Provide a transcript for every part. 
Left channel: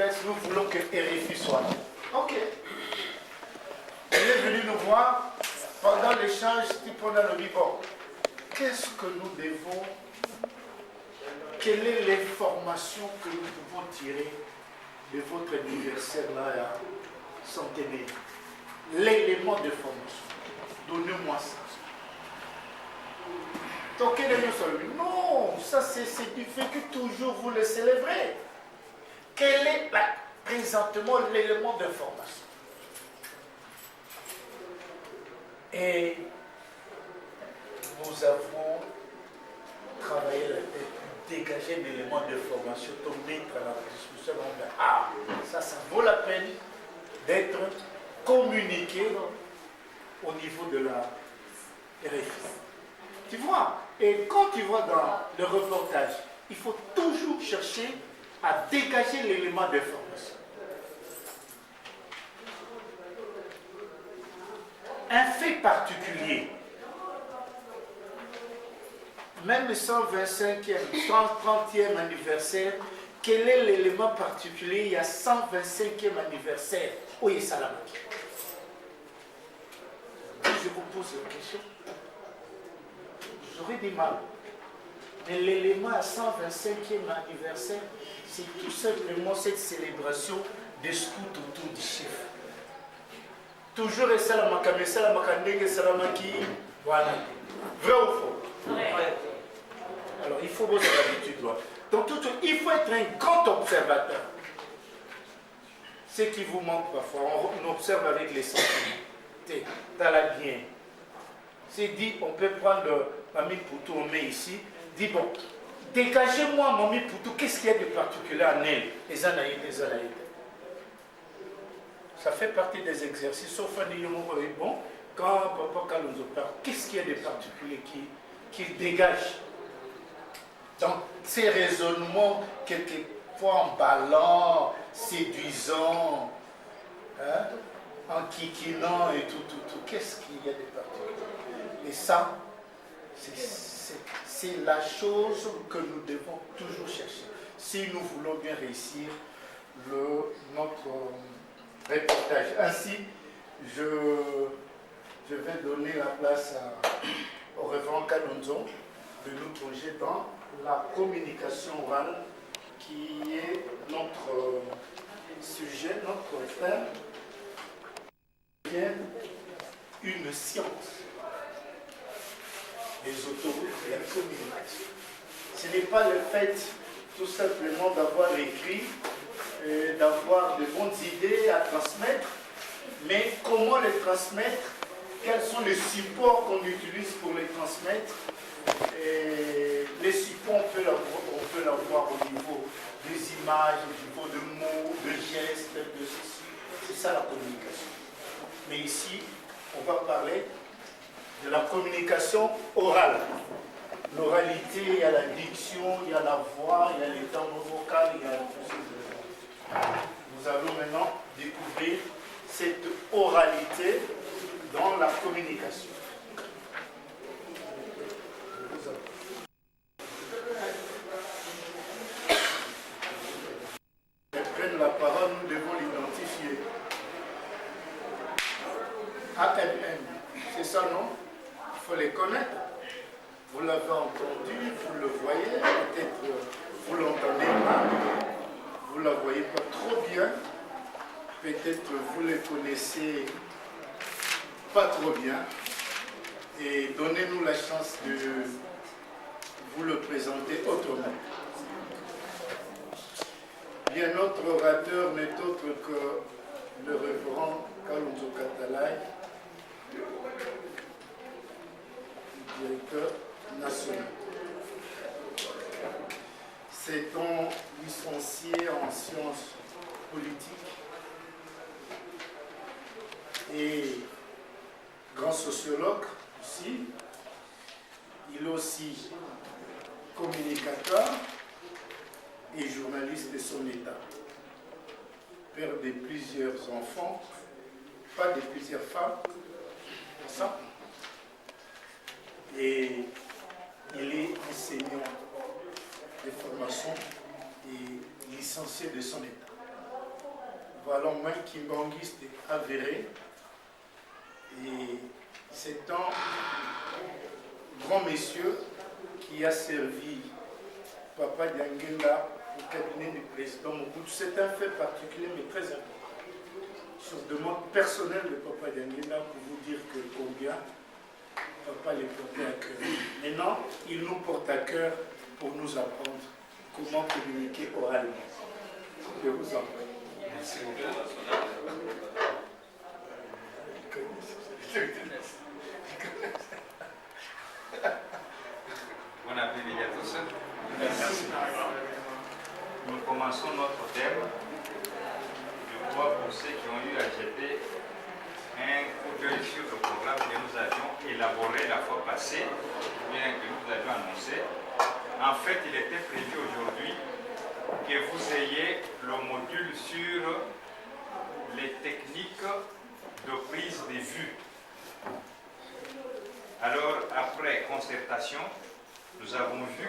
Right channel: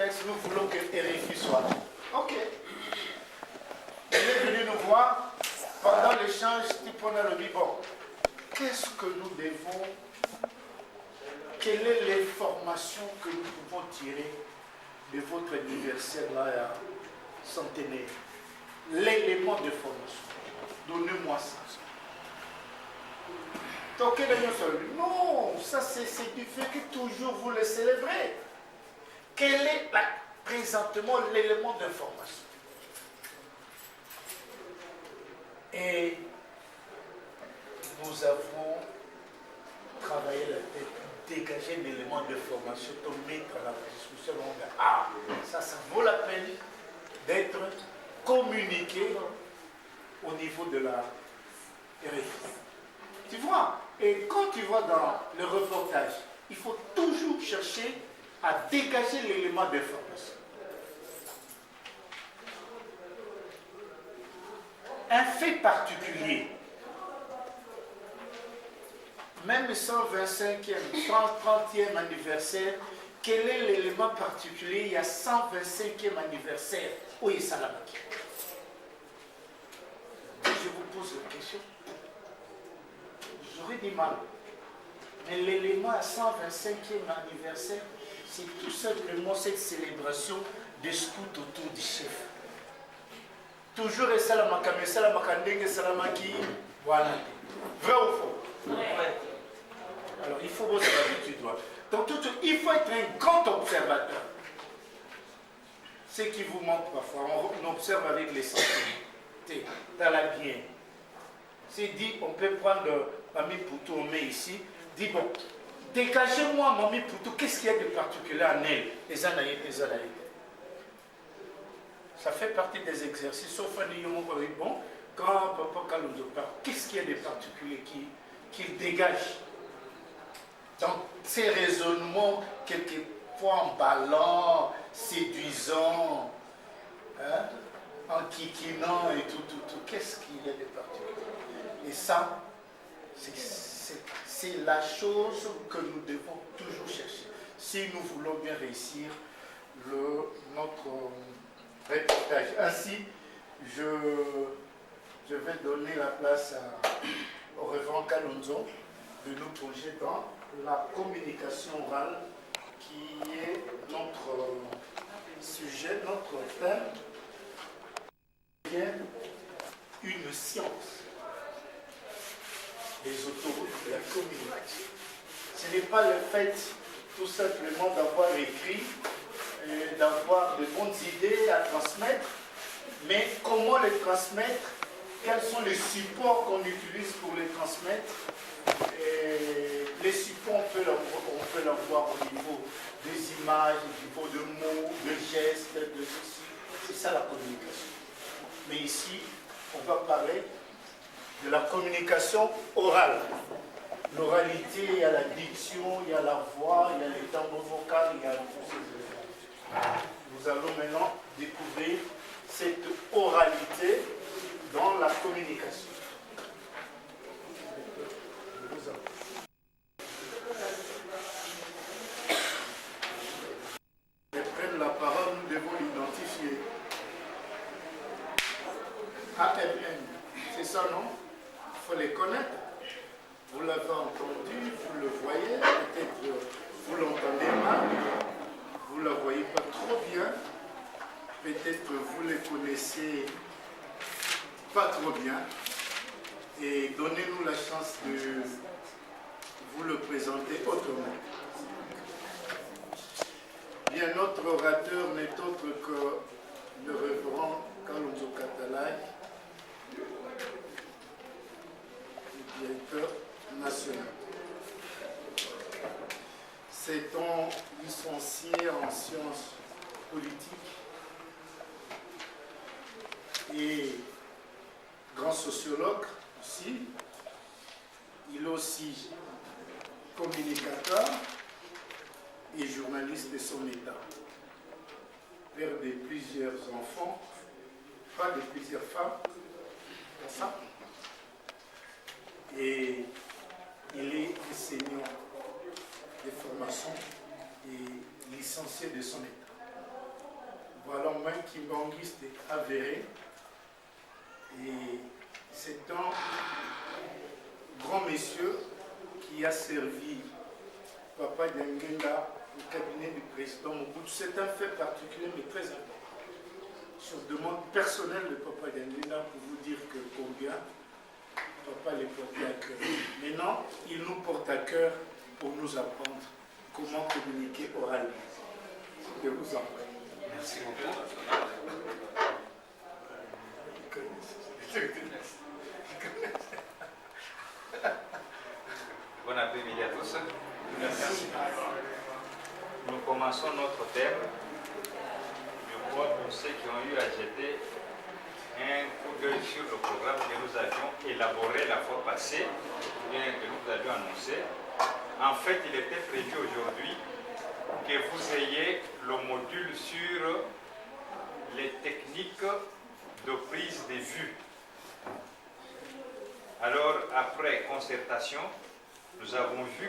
multiplex, nous voulons que RFI soit là. Ok. Elle est venue nous voir pendant l'échange, on a dit, bon, qu'est-ce que nous devons, quelle est l'information que nous pouvons tirer de votre anniversaire là, à centenaire? L'élément de formation. Donnez-moi ça. Donc, non, ça c'est du fait que toujours vous le célébrez. Quel est présentement l'élément de formation? Et nous avons travaillé la tête, dégager l'élément de formation pour mettre à la discussion. Ah, ça vaut la peine d'être communiqué au niveau de la RFI. Tu vois, et quand tu vois dans le reportage, il faut toujours chercher à dégager l'élément de formation. Un fait particulier, même le 125e, 130e anniversaire, quel est l'élément particulier? Il y a 125e anniversaire. Oui, Salamaki. Je vous pose la question. J'aurais du mal. Mais l'élément à 125e anniversaire, c'est tout simplement cette célébration des scouts autour du chef. Toujours et salamaka, mais salamaka ndenge salamaki, voilà. Vrai ou faux? Ouais. Alors il faut avoir l'habitude. Donc il faut être un grand observateur. Ce qui vous manque parfois, on observe avec les sentiments. T'as la bien. C'est dit, on peut prendre Mami Poutou, on met ici, dit bon, dégagez-moi Mami Poutou, qu'est-ce qu'il y a de particulier en elle? Et ça fait partie des exercices, sauf un bon, quand Papa Kalonzo parle, qu'est-ce qu'il y a de particulier qu'il dégage? Donc, ces raisonnements, quelquefois emballants, séduisants, hein, en kikinant et tout, qu'est-ce qu'il y a de particulier? Et ça, c'est la chose que nous devons toujours chercher. Si nous voulons bien réussir notre reportage. Ainsi, je vais donner la place au révérend Kalonzo de nous plonger dans la communication orale qui est notre sujet, notre thème, qui est une science. Les autoroutes de la communication. Ce n'est pas le fait tout simplement d'avoir écrit, d'avoir de bonnes idées à transmettre, mais comment les transmettre, quels sont les supports qu'on utilise pour les transmettre. Et les supports, on peut l'avoir au niveau des images, au niveau de mots, de gestes, de ceci. C'est ça la communication. Mais ici, on va parler de la communication orale. L'oralité, il y a la diction, il y a la voix, il y a les timbres vocaux, il y a tous ces éléments. Nous allons maintenant découvrir cette oralité dans la communication. Prendre la parole, nous devons l'identifier. AMM, c'est ça, non? Il faut les connaître. Vous l'avez entendu, vous le voyez, peut-être vous l'entendez mal, vous ne la voyez pas trop bien, peut-être vous les connaissez pas trop bien, et donnez-nous la chance de vous le présenter autrement. Bien, notre orateur n'est autre que le révérend Kalonzo Katalai, directeur national. C'est un licencié en sciences politiques et grand sociologue aussi. Il est aussi communicateur et journaliste de son état. Père de plusieurs enfants, pas de plusieurs femmes, c'est ça. Et il est enseignant de formation et licencié de son état. Voilà, moi qui m'anguisse de avéré. Et c'est un grand monsieur qui a servi Papa Dianguenda au cabinet du président Mobutu. C'est un fait particulier mais très important. Sur demande personnelle de Papa Dianguenda pour vous dire que combien Papa les portait à cœur. Maintenant, il nous porte à cœur pour nous apprendre comment communiquer oralement. Je vous en prie. Merci beaucoup. Bon après-midi à tous. Merci. Nous commençons notre thème. Je crois pour ceux qui ont eu à jeter un coup d'œil sur le programme que nous avions élaboré la fois passée, bien que nous avions annoncé. En fait, il était prévu aujourd'hui que vous ayez le module sur les techniques de prise de vue. Alors, après concertation, nous avons vu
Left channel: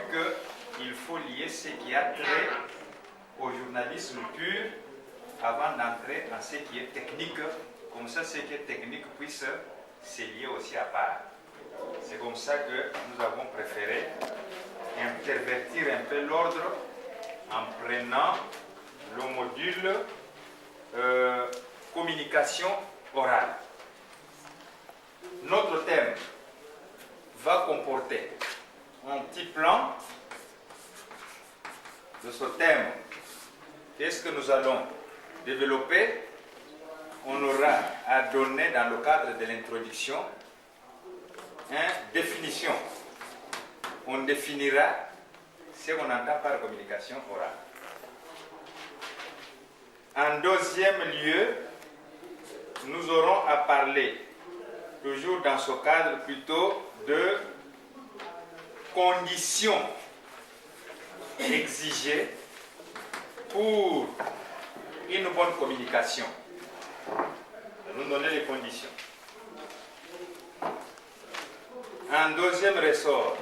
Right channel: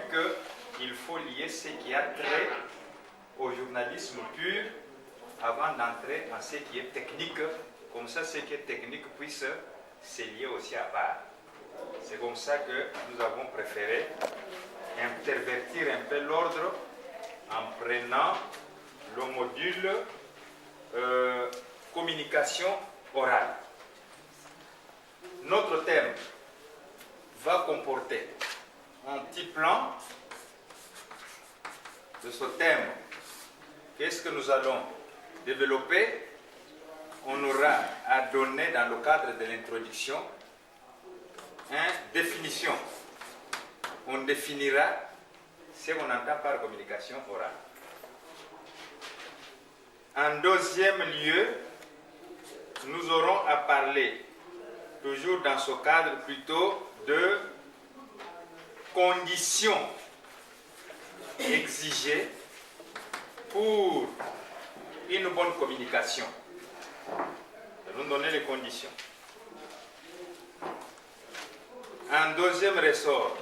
qu'il faut lier ce qui a trait au journalisme pur avant d'entrer dans ce qui est technique. Comme ça, ce qui est technique puisse se lier aussi à part. C'est comme ça que nous avons préféré intervertir un peu l'ordre en prenant le module communication orale. Notre thème va comporter un petit plan de ce thème. Qu'est-ce que nous allons développer? On aura à donner dans le cadre de l'introduction une définition. On définira ce qu'on entend par communication orale. En deuxième lieu, nous aurons à parler, toujours dans ce cadre plutôt, de conditions exigées pour une bonne communication. Nous donner les conditions. Un deuxième ressort,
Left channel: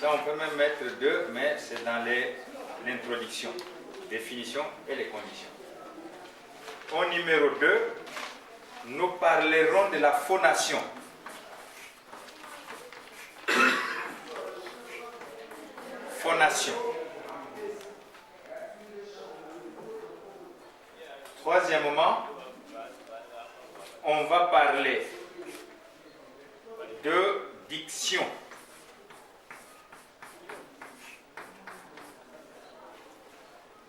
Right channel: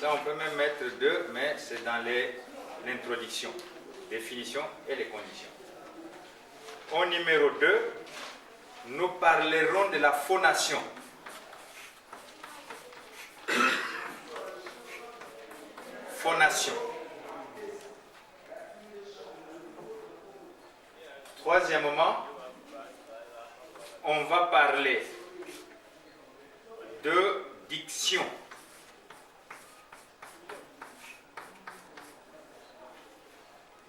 ça on peut même mettre deux, mais c'est dans l'introduction, définition et les conditions. Au numéro 2, nous parlerons de la phonation. Phonation. Troisièmement, on va parler de diction.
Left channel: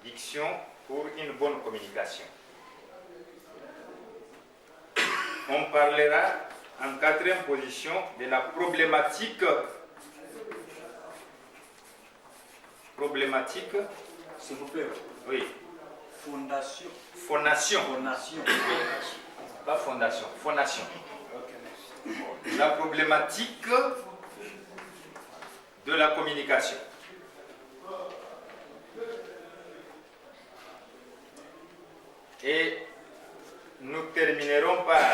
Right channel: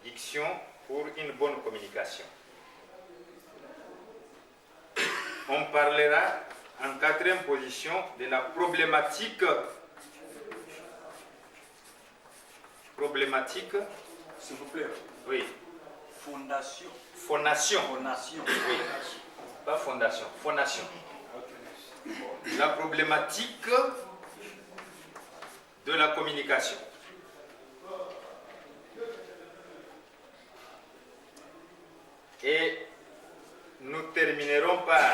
Diction pour une bonne communication. On parlera en quatrième position de la problématique. Problématique. S'il vous plaît. Oui. Fondation. Phonation. Fondation. Oui. Pas fondation, phonation. La problématique de la communication. Et nous terminerons par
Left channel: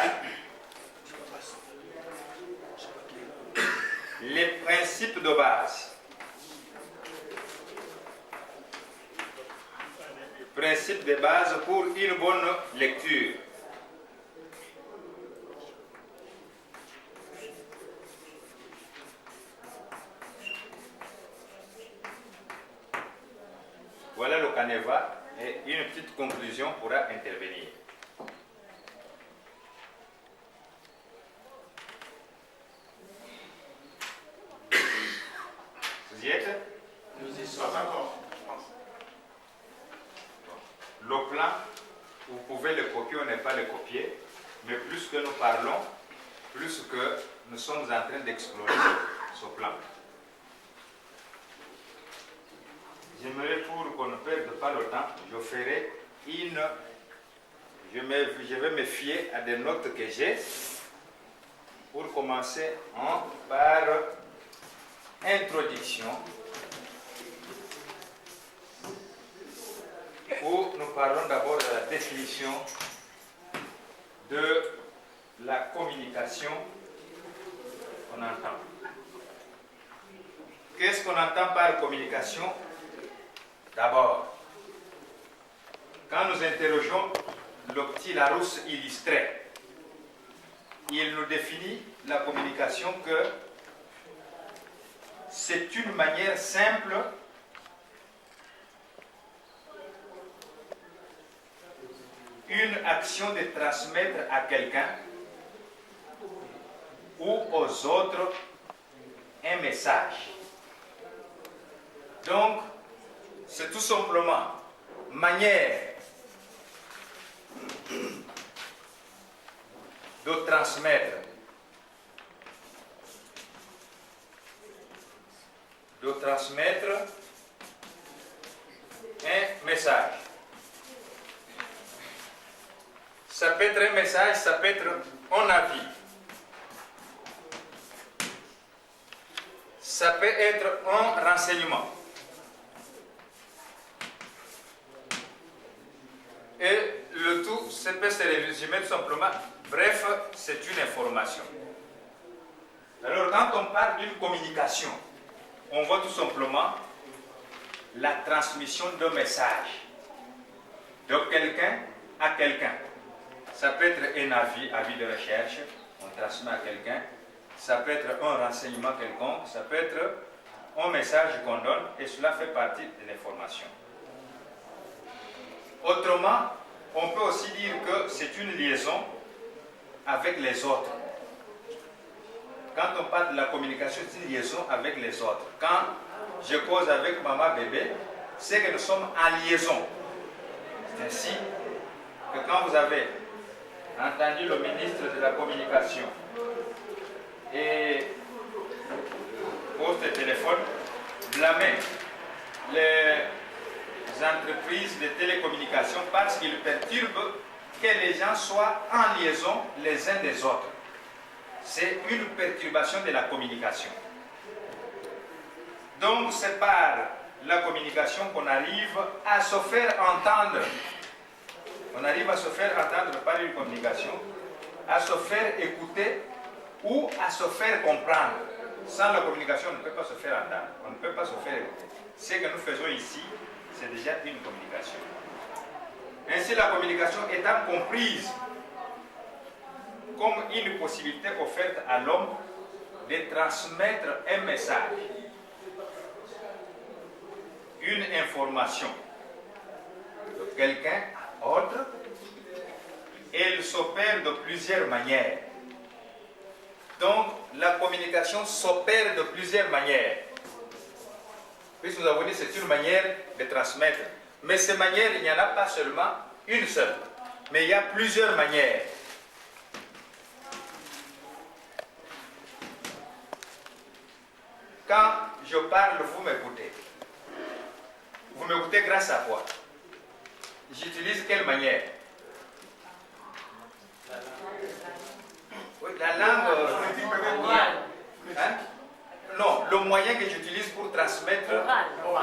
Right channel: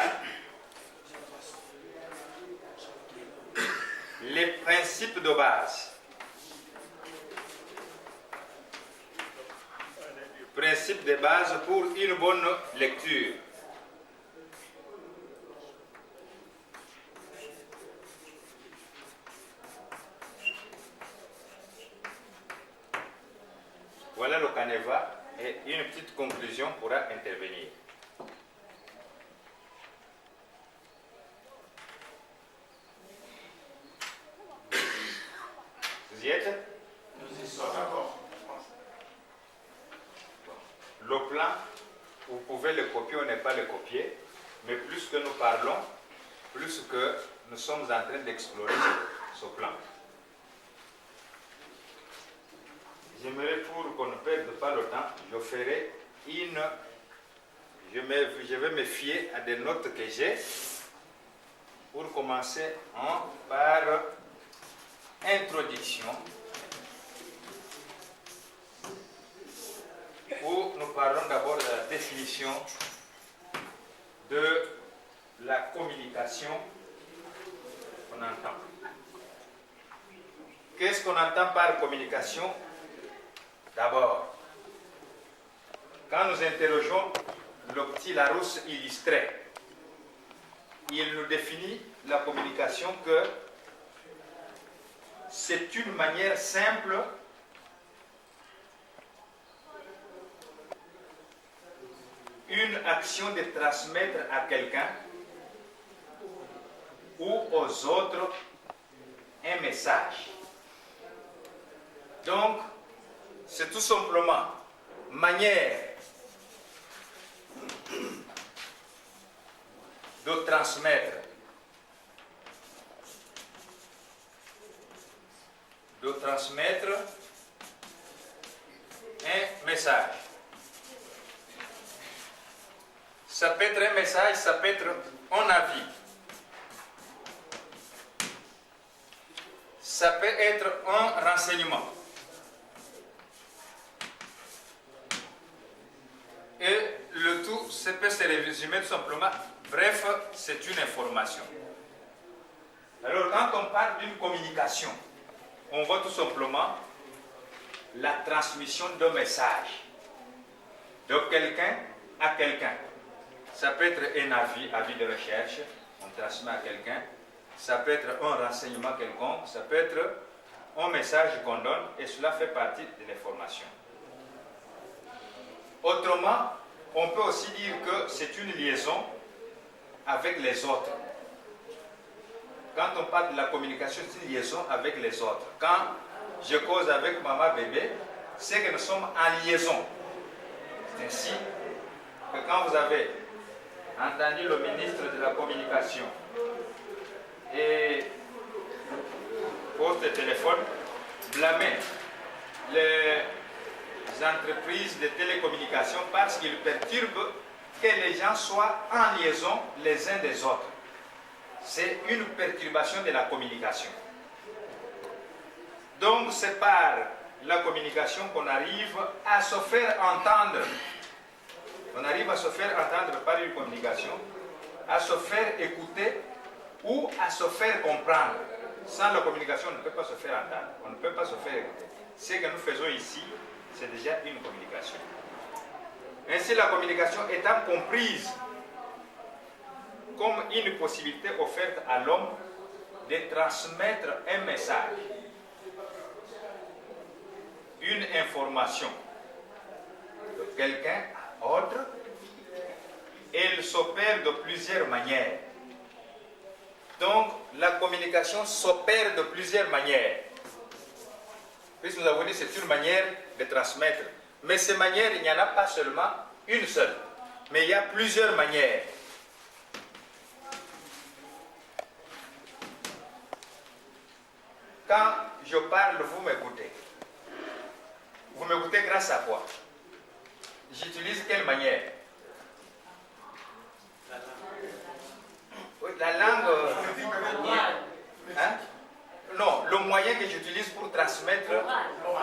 les principes de base. Principes de base pour une bonne lecture. Voilà le canevas et une petite conclusion pourra intervenir. Vous y êtes? Nous y sommes. Le plan, vous pouvez le copier ou ne pas le copier, mais plus que nous parlons, plus que nous sommes en train d'explorer ce plan. J'aimerais, pour qu'on ne perde pas le temps, je vais me fier à des notes que j'ai pour commencer par introduction, où nous parlons d'abord de la définition de la communication qu'on entend. Qu'est-ce qu'on entend par communication? D'abord, quand nous interrogeons le petit Larousse illustré, il nous définit la communication que c'est une manière simple une action de transmettre à quelqu'un ou aux autres un message. Donc, c'est tout simplement manière de transmettre un message. Ça peut être un message, ça peut être un avis. Ça peut être un renseignement. Et le tout, ça peut se résumer tout simplement. Bref, c'est une information. Alors, quand on parle d'une communication, on voit tout simplement la transmission d'un message de quelqu'un à quelqu'un. Ça peut être un avis de recherche, on transmet à quelqu'un. Ça peut être un renseignement quelconque, ça peut être un message qu'on donne, et cela fait partie de l'information. Autrement, on peut aussi dire que c'est une liaison avec les autres. Quand on parle de la communication, c'est une liaison avec les autres. Quand je cause avec maman bébé, c'est que nous sommes en liaison. C'est ainsi que quand vous avez entendu le ministre de la Communication et poste de téléphone blâmer les entreprises de télécommunications parce qu'ils perturbent que les gens soient en liaison les uns des autres. C'est une perturbation de la communication. Donc c'est par la communication qu'on arrive à se faire entendre. On arrive à se faire entendre par une communication, à se faire écouter ou à se faire comprendre. Sans la communication, on ne peut pas se faire entendre, on ne peut pas se faire écouter. Ce que nous faisons ici, c'est déjà une communication. Ainsi, la communication étant comprise comme une possibilité offerte à l'homme de transmettre un message, une information de quelqu'un à autre, elle s'opère de plusieurs manières. Donc, la communication s'opère de plusieurs manières. Puisque nous avons dit que c'est une manière de transmettre. Mais ces manières, il n'y en a pas seulement une seule. Mais il y a plusieurs manières. Quand je parle, vous m'écoutez. Vous m'écoutez grâce à quoi? J'utilise quelle manière? Oui, la langue... Hein? Non, le moyen que j'utilise pour transmettre,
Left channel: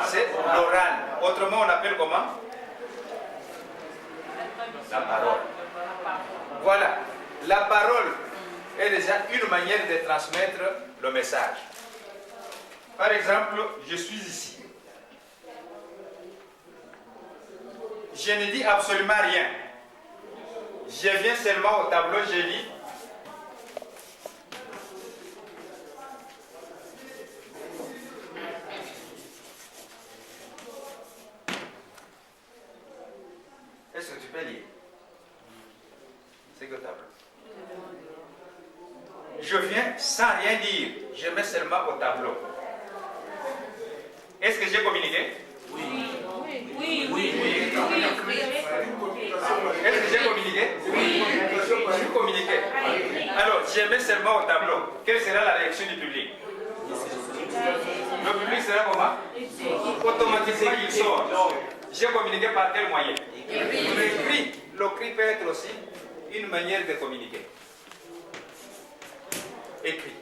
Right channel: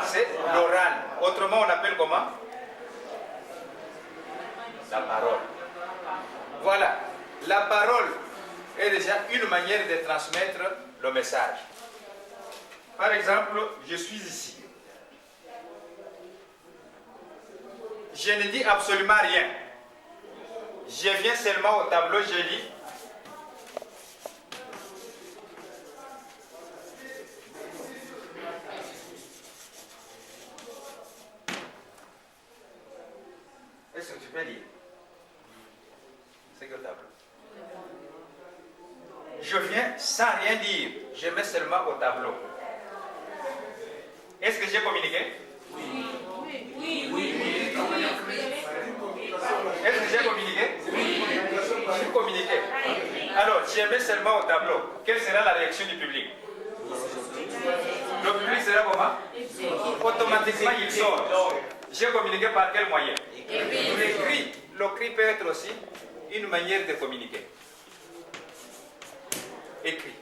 c'est l'oral. Autrement, on appelle comment? La parole. Voilà. La parole est déjà une manière de transmettre le message. Par exemple, je suis ici. Je ne dis absolument rien. Je viens seulement au tableau, je lis. Est-ce que tu peux lire? C'est que le tableau. Je viens sans rien dire. Je mets seulement au tableau. Est-ce que j'ai communiqué? Oui. Oui. Oui. Est-ce que j'ai communiqué? Oui. J'ai communiqué. Alors, je mets seulement au tableau. Quelle sera la réaction du public? Le public sera comment? Automatiquement, il sort. J'ai communiqué par quel moyen? Le cri. Le cri peut être aussi une manière de communiquer. Écrit.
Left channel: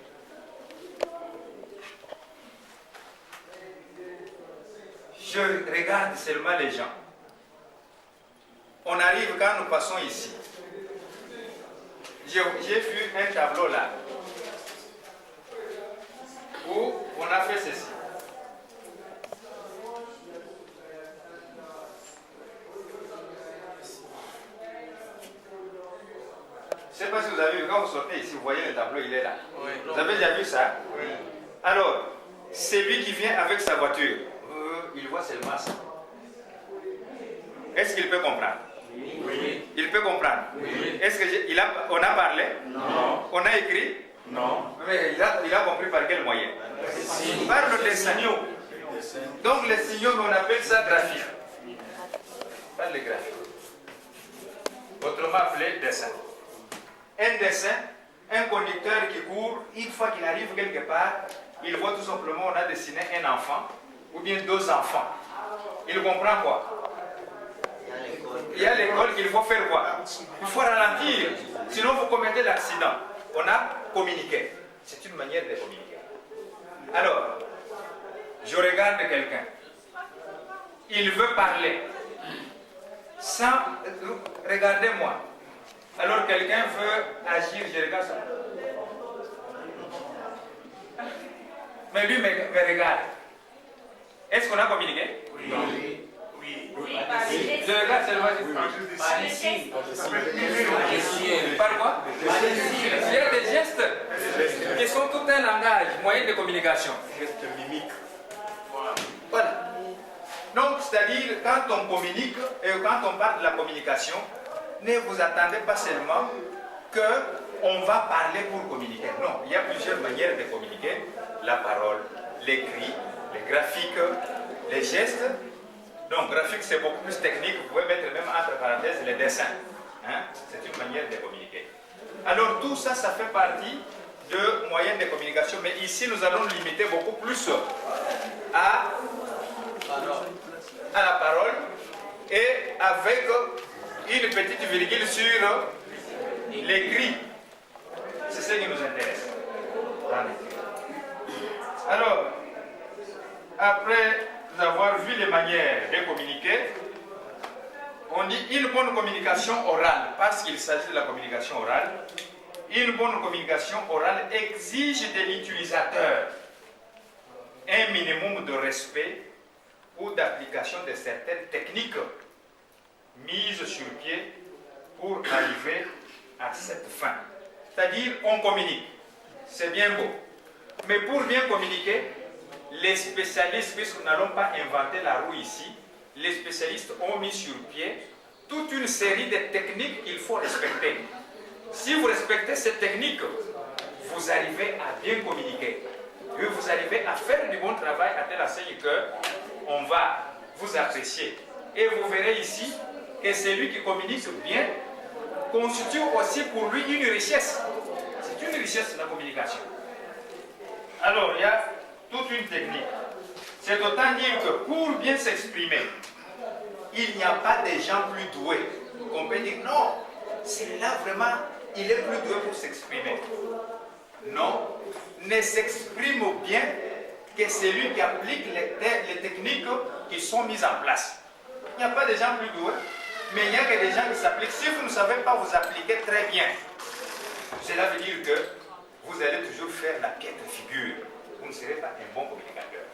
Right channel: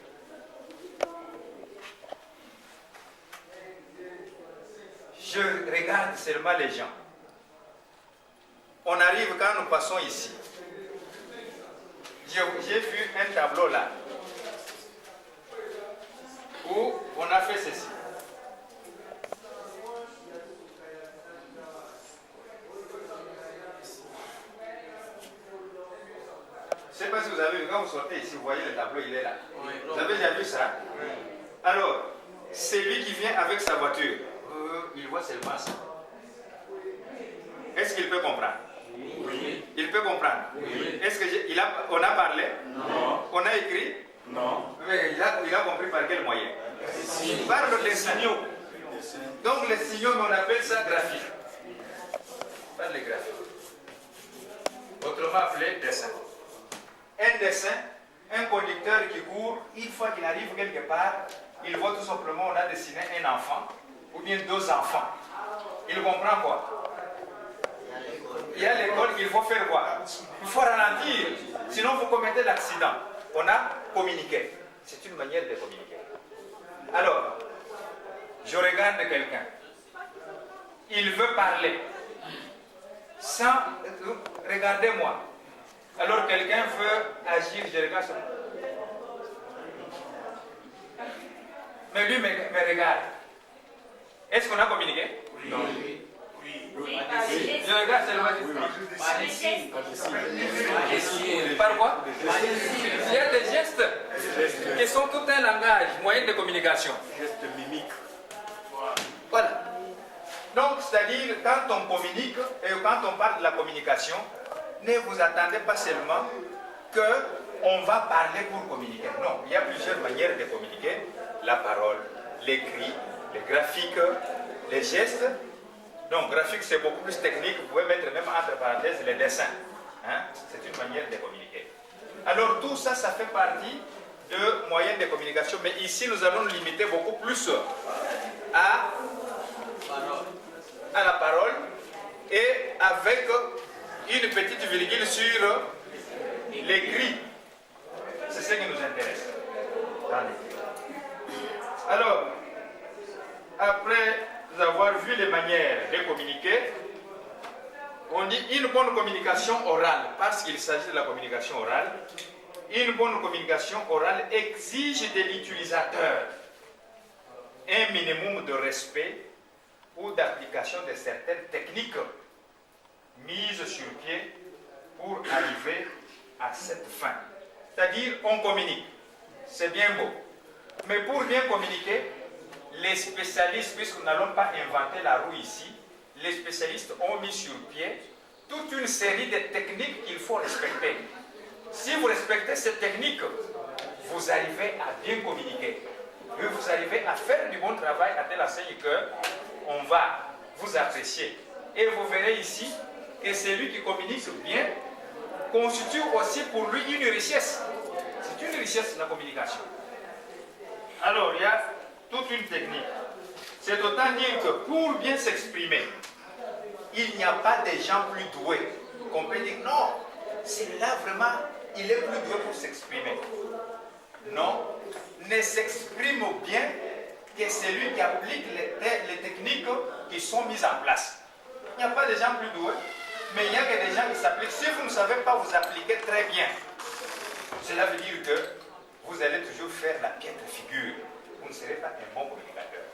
Je regarde seulement les gens. On arrive quand nous passons ici. J'ai vu un tableau là où on a fait ceci. Je ne sais pas si vous avez vu, quand vous sortez ici, vous voyez le tableau, il est là. Oui. Vous avez déjà vu ça? Oui. Alors, c'est lui qui vient avec sa voiture. Il voit seulement ça. Est-ce qu'il peut comprendre? Oui. Il peut comprendre? Oui. Est-ce que on a parlé? Non. On a écrit? Non. Mais il a compris par quel moyen? Par le dessin. Donc les signaux, on appelle ça graphique. Par les graphiques. Autrement appelé dessin. Un dessin, un conducteur qui court, une fois qu'il arrive quelque part, il voit tout simplement on a dessiné un enfant ou bien deux enfants. Il comprend quoi? Il y a l'école qu'il faut faire quoi? Il faut ralentir, sinon vous commettez l'accident. On a communiqué. C'est une manière de communiquer. Alors, je regarde quelqu'un. Il veut parler. Sans... Regardez-moi. Alors quelqu'un veut agir, je regarde ça. Mais lui me regarde. Est-ce qu'on a communiqué? Oui. Je regarde seulement. Par quoi? Il y a des gestes qui sont tout un langage, moyen de communication. Geste mimique. Voilà. Donc, c'est-à-dire, quand on communique et quand on parle de la communication, ne vous attendez pas seulement qu'on va parler pour communiquer. Non, il y a plusieurs manières de communiquer. La parole, l'écrit, les graphiques, les gestes. Donc, graphique, c'est beaucoup plus technique. Vous pouvez mettre même entre parenthèses les dessins. Hein? C'est une manière de communiquer. Alors, tout ça, ça fait partie de moyens de communication. Mais ici, nous allons nous limiter beaucoup plus à la parole et avec une petite virgule sur l'écrit. C'est ce qui nous intéresse. Alors, après avoir vu les manières de communiquer, on dit une bonne communication orale, parce qu'il s'agit de la communication orale. Une bonne communication orale exige de l'utilisateur un minimum de respect ou d'application de certaines techniques mises sur pied pour arriver à cette fin. C'est-à-dire, on communique. C'est bien beau. Mais pour bien communiquer, les spécialistes, puisque nous n'allons pas inventer la roue ici, les spécialistes ont mis sur pied toute une série de techniques qu'il faut respecter. Si vous respectez ces techniques, vous arrivez à bien communiquer. Et vous arrivez à faire du bon travail à telle enseigne qu'on va vous apprécier. Et vous verrez ici que celui qui communique bien constitue aussi pour lui une richesse. C'est une richesse de la communication. Alors, il y a toute une technique. C'est autant dire que pour bien s'exprimer, il n'y a pas de gens plus doués. On peut dire, non, celui-là vraiment, il est plus doué pour s'exprimer. Non, ne s'exprime bien que celui qui applique les techniques qui sont mises en place. Il n'y a pas de gens plus doués, mais il y a que des gens qui s'appliquent. Si vous ne savez pas vous appliquer très bien, cela veut dire que vous allez toujours faire la piètre figure. Vous ne serez pas un bon communicateur.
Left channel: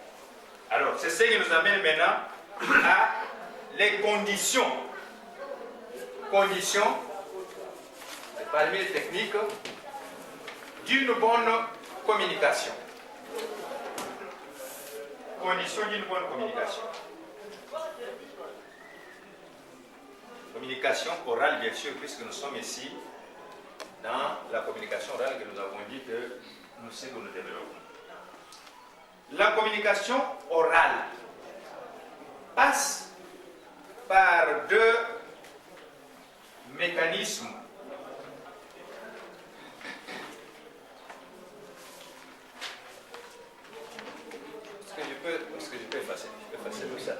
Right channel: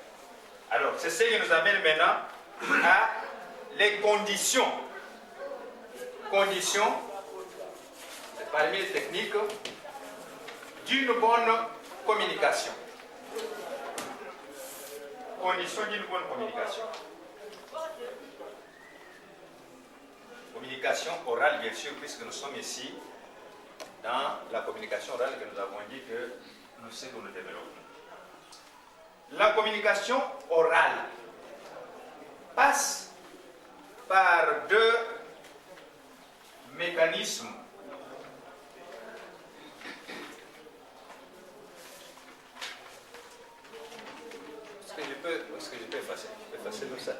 Alors, c'est ce qui nous amène maintenant à les conditions. Conditions, parmi les techniques, d'une bonne communication. Conditions d'une bonne communication. Communication orale, bien sûr, puisque nous sommes ici dans la communication orale que nous avons dit que nous savons que nous développons. La communication orale passe par deux mécanismes. Est-ce que je peux effacer? Je peux effacer le ça.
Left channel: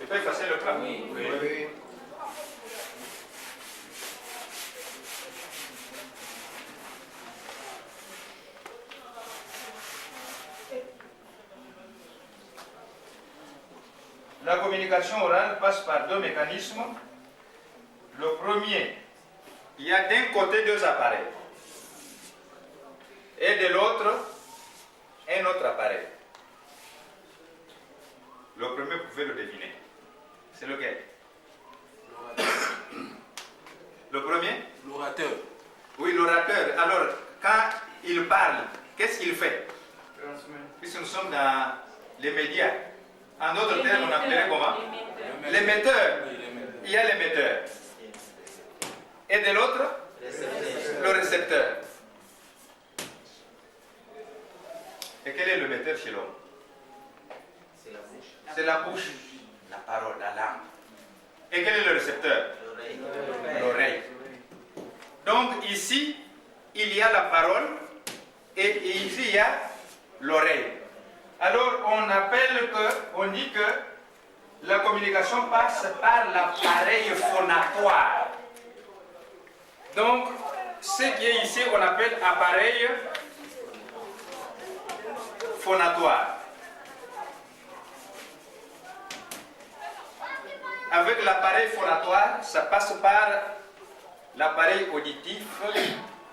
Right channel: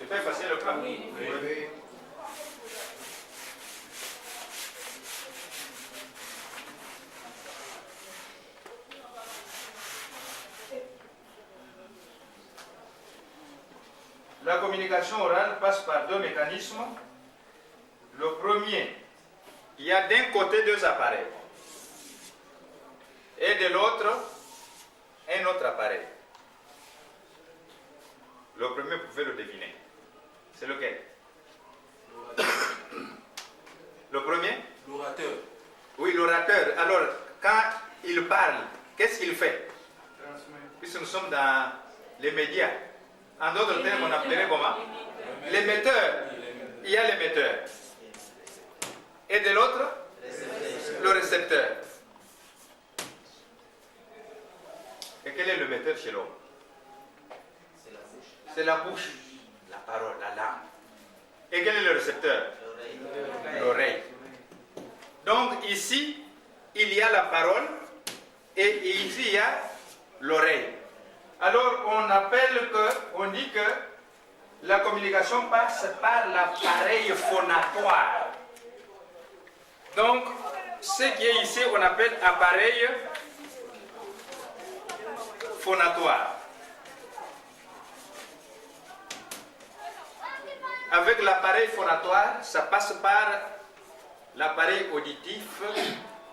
Je peux effacer le plan? Oui. La communication orale passe par deux mécanismes. Le premier, il y a d'un côté deux appareils et de l'autre un autre appareil. Le premier, vous pouvez le deviner. C'est lequel? Le premier? L'orateur. qu'est-ce qu'il fait? Puisque nous sommes dans les médias. En d'autres termes, on appellerait comment? L'émetteur. Il y a l'émetteur. Et de l'autre, le récepteur. Et quel est l'émetteur chez l'homme? C'est la bouche, la parole, la langue. Et quel est le récepteur? L'oreille. Donc ici, il y a la parole et ici, il y a l'oreille. Alors, on dit que la communication passe par l'appareil phonatoire. Donc, ce qui est ici, on appelle appareil phonatoire. Avec l'appareil phonatoire, ça passe par l'appareil auditif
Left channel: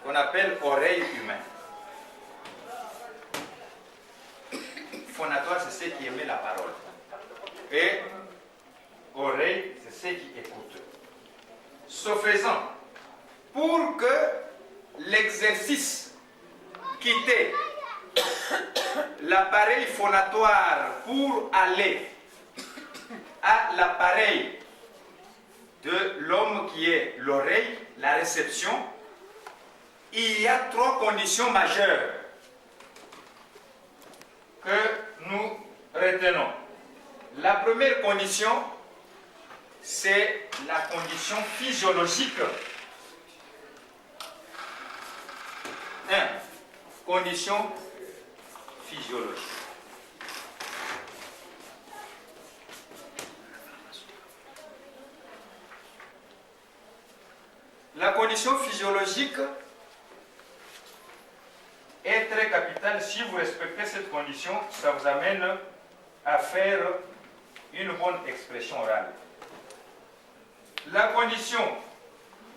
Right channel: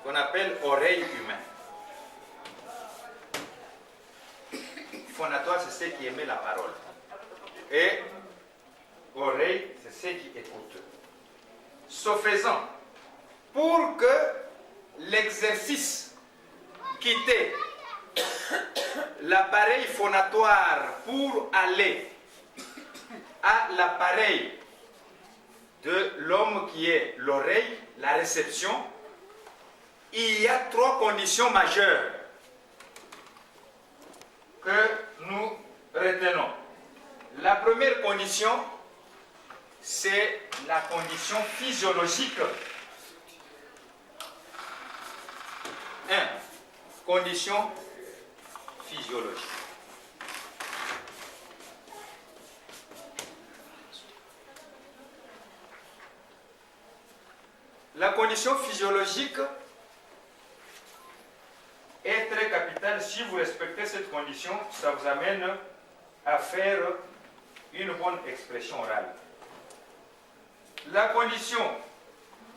qu'on appelle oreille humaine. Phonatoire, c'est ce qui émet la parole. Et oreille, c'est ce qui écoute. Ce faisant, pour que l'exercice quitte l'appareil phonatoire pour aller à l'appareil de l'homme qui est l'oreille, la réception, il y a 3 conditions majeures que nous retenons. La première condition, c'est la condition physiologique. 1. Condition physiologique. La condition physiologique est très capitale. Si vous respectez cette condition, ça vous amène à faire une bonne expression orale. La condition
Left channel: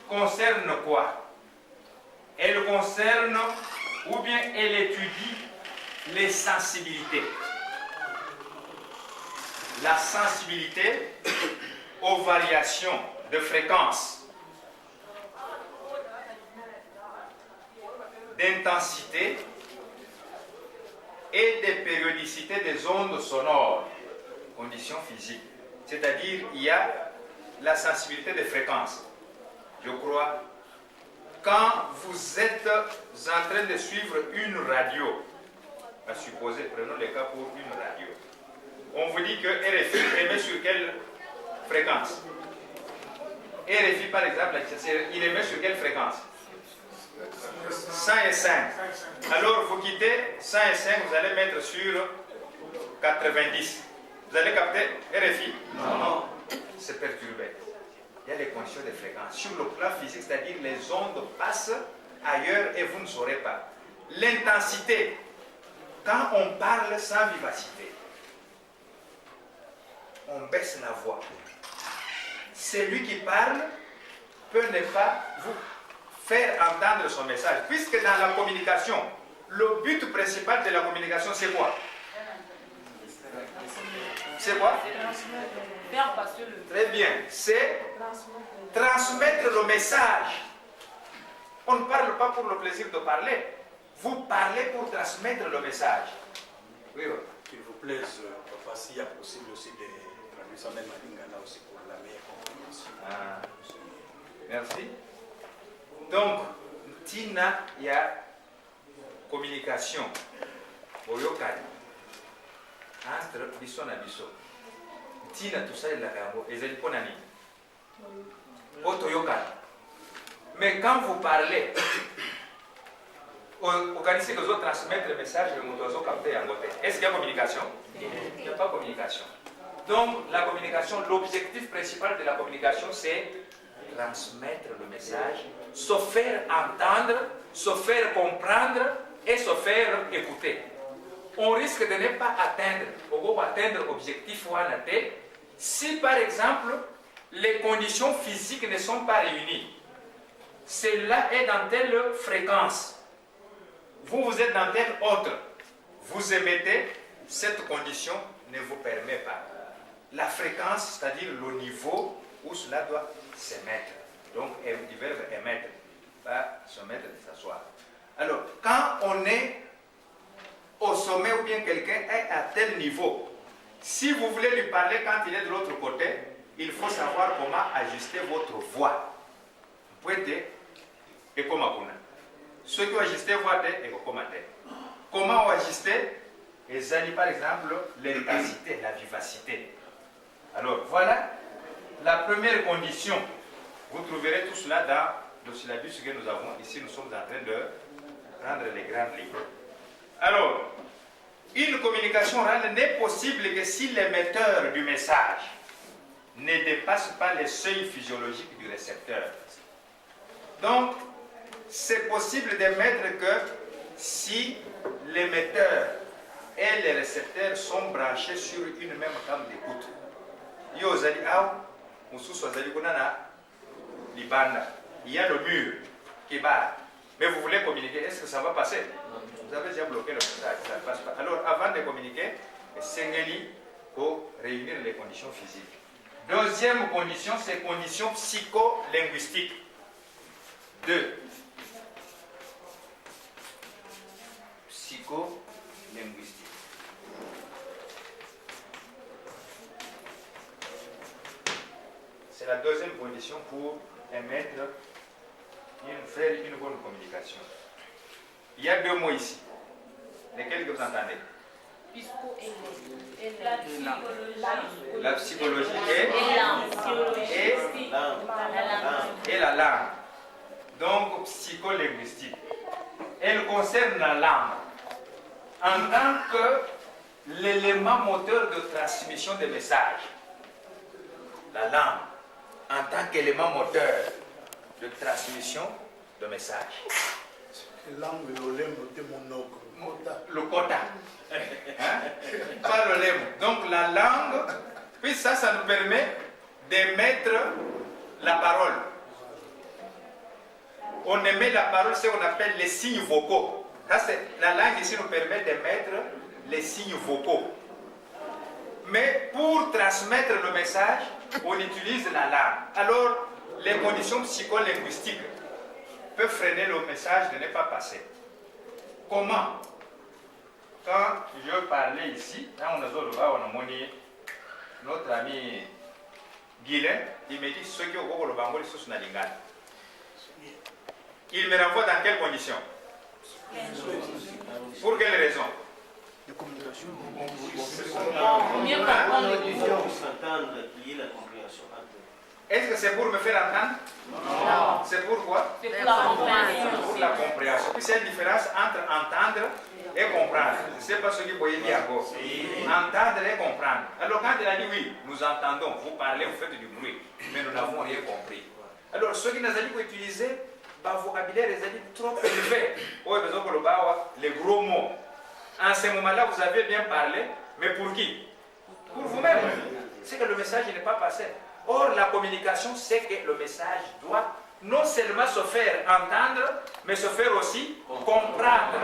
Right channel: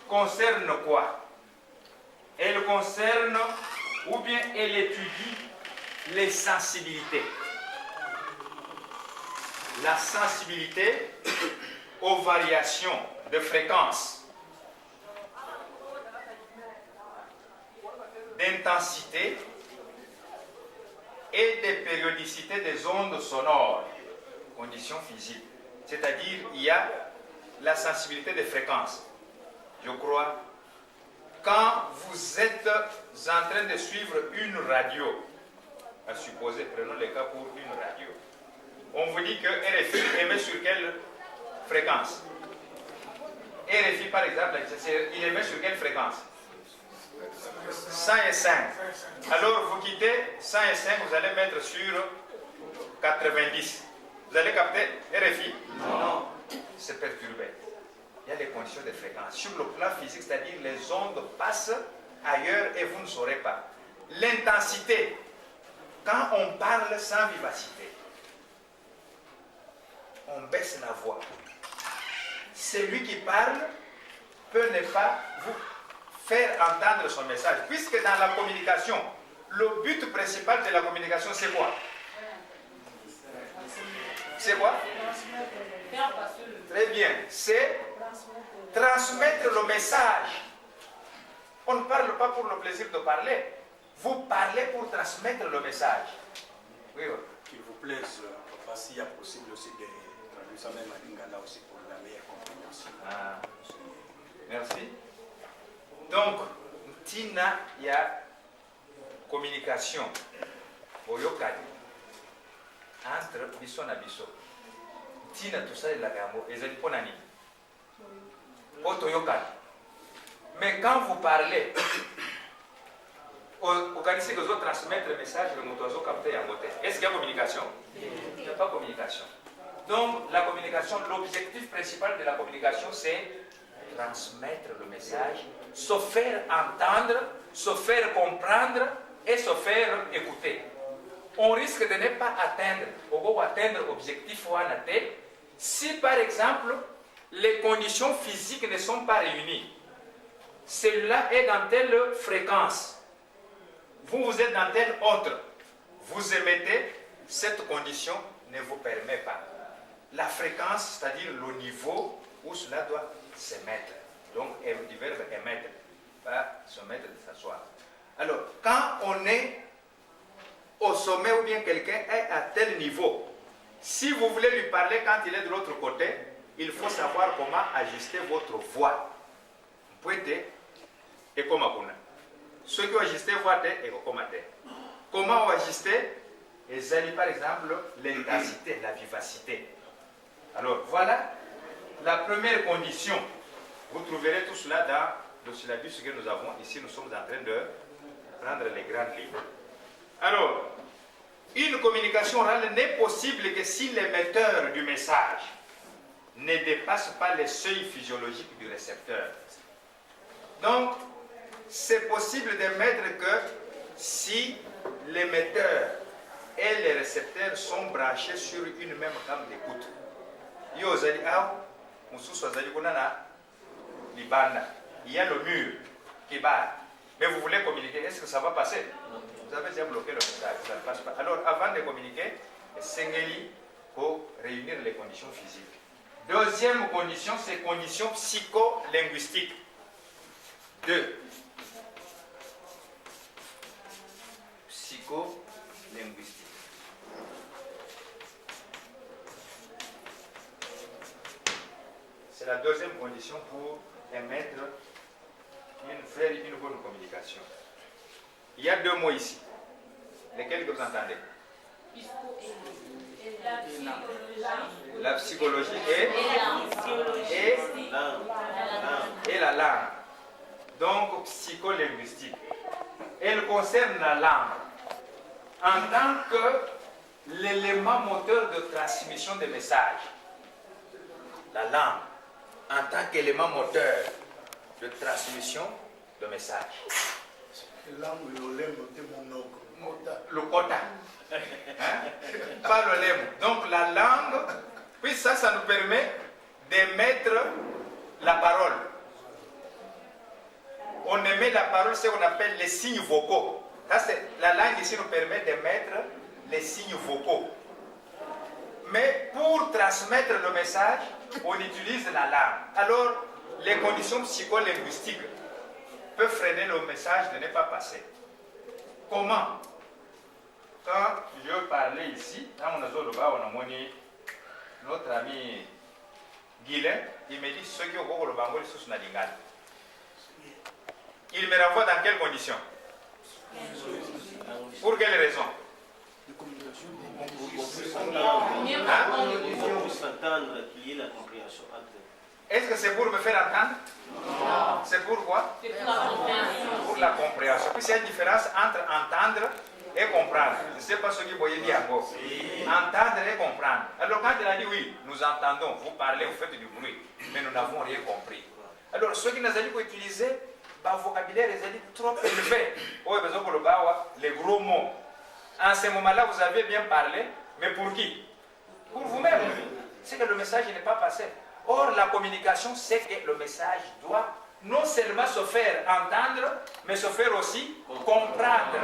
concerne quoi? Elle concerne, ou bien elle étudie les sensibilités. La sensibilité aux variations de fréquence, d'intensité et de périodicité des ondes sonores, conditions physiques. C'est-à-dire, il y a la sensibilité des fréquences. Je crois, quand vous êtes en train de suivre une radio, à supposer, prenons le cas pour une radio, on vous dit que RFI émet sur quelle fréquence? RFI, par exemple, il émet sur quelle fréquence? 105. Alors vous quittez 105, vous allez mettre sur 90. Vous allez capter RFI? Non. C'est perturbé. Il y a les conditions de fréquence. Sur le plan physique, c'est-à-dire les ondes passent ailleurs et vous ne saurez pas. L'intensité, quand on parle sans vivacité, on baisse la voix. Celui qui parle peut ne pas vous faire entendre son message. Puisque dans la communication, le but principal de la communication, c'est quoi? C'est quoi? Très bien. C'est transmettre le message. On ne parle pas pour le plaisir de parler. Vous parlez pour transmettre le message. Oui, oui. Qu'il vous plaise, papa, s'il y a possible aussi de traduire ça même à Lingala aussi pour la meilleure compréhension. Ah. Merci. Donc, tina ya communication oyokani entre biso na biso. Tina tout ça la gambo ezali pona nini? Otoyokani. Mais quand vous parlez, vous connaissez que vous transmettre le message que vous avez capté en côté. Est-ce qu'il y a communication? Il n'y a pas communication. Donc, la communication, l'objectif principal de la communication, c'est transmettre le message, se faire entendre, se faire comprendre et se faire écouter. On risque de ne pas atteindre l'objectif si par exemple les conditions physiques ne sont pas réunies. Celle-là est dans telle fréquence, vous êtes dans telle autre, vous émettez, cette condition ne vous permet pas. La fréquence, c'est-à-dire le niveau où cela doit se mettre. Donc, du verbe émettre, pas se mettre, de s'asseoir. Alors, quand on est au sommet ou bien quelqu'un est à tel niveau. Si vous voulez lui parler quand il est de l'autre côté, il faut savoir comment ajuster votre voix. Vous pouvez dire, et comment on a. Ceux qui ont ajusté voix, et comment comment ajuster, et zali par exemple, l'intensité, la vivacité. Alors voilà la première condition. Vous trouverez tout cela dans le syllabus que nous avons. Ici, nous sommes en train de prendre les grandes lignes. Alors, une communication orale n'est possible que si l'émetteur du message ne dépasse pas les seuils physiologiques du récepteur. Donc, c'est possible d'émettre que si l'émetteur et les récepteurs sont branchés sur une même gamme d'écoute. Il y a le mur qui bat. Mais vous voulez communiquer, est-ce que ça va passer? Vous avez déjà bloqué le message, ça ne passe pas. Alors, avant de communiquer, il faut réunir les conditions physiques. Deuxième condition, c'est condition psycholinguistique. 2. Psycholinguistique. C'est la deuxième condition pour émettre, faire une bonne communication. Il y a 2 mots ici. Lesquels que vous entendez? La psychologie et la langue. Donc, psycholinguistique. Elle concerne la langue en tant que l'élément moteur de transmission des messages. La langue en tant qu'élément moteur de transmission de messages. Le quota. Hein? Pas le lemme. Donc la langue, puis ça nous permet d'émettre la parole. On émet la parole, c'est ce qu'on appelle les signes vocaux. La langue ici nous permet d'émettre les signes vocaux. Mais pour transmettre le message, on utilise la langue. Alors, les conditions psycholinguistiques peuvent freiner le message de ne pas passer. Comment? Quand je parlais ici, dans notre ami Guilain, il me dit ceux qui ont le bango, ils sont nalingal. Il me renvoie dans quelles conditions? Pour quelles raisons? Il faut s'entendre, qu'il y ait la compréhension entre eux. Est-ce que c'est pour me faire entendre? Non. C'est pourquoi? Pour la compréhension. Puis c'est une différence entre entendre et comprendre. Je ne sais pas ce que vous voyez bien encore. Entendre et comprendre. Alors quand il a dit oui, nous entendons, vous parlez, vous faites du bruit, mais nous n'avons rien compris. Alors ceux qui nous ont dit qu'utiliser, bah, vocabulaire est trop élevé. Les gros mots. En ce moment-là, vous avez bien parlé, mais pour qui? Pour vous-même. C'est que le message n'est pas passé. Or, la communication, c'est que le message doit non seulement se faire entendre, mais se faire aussi comprendre.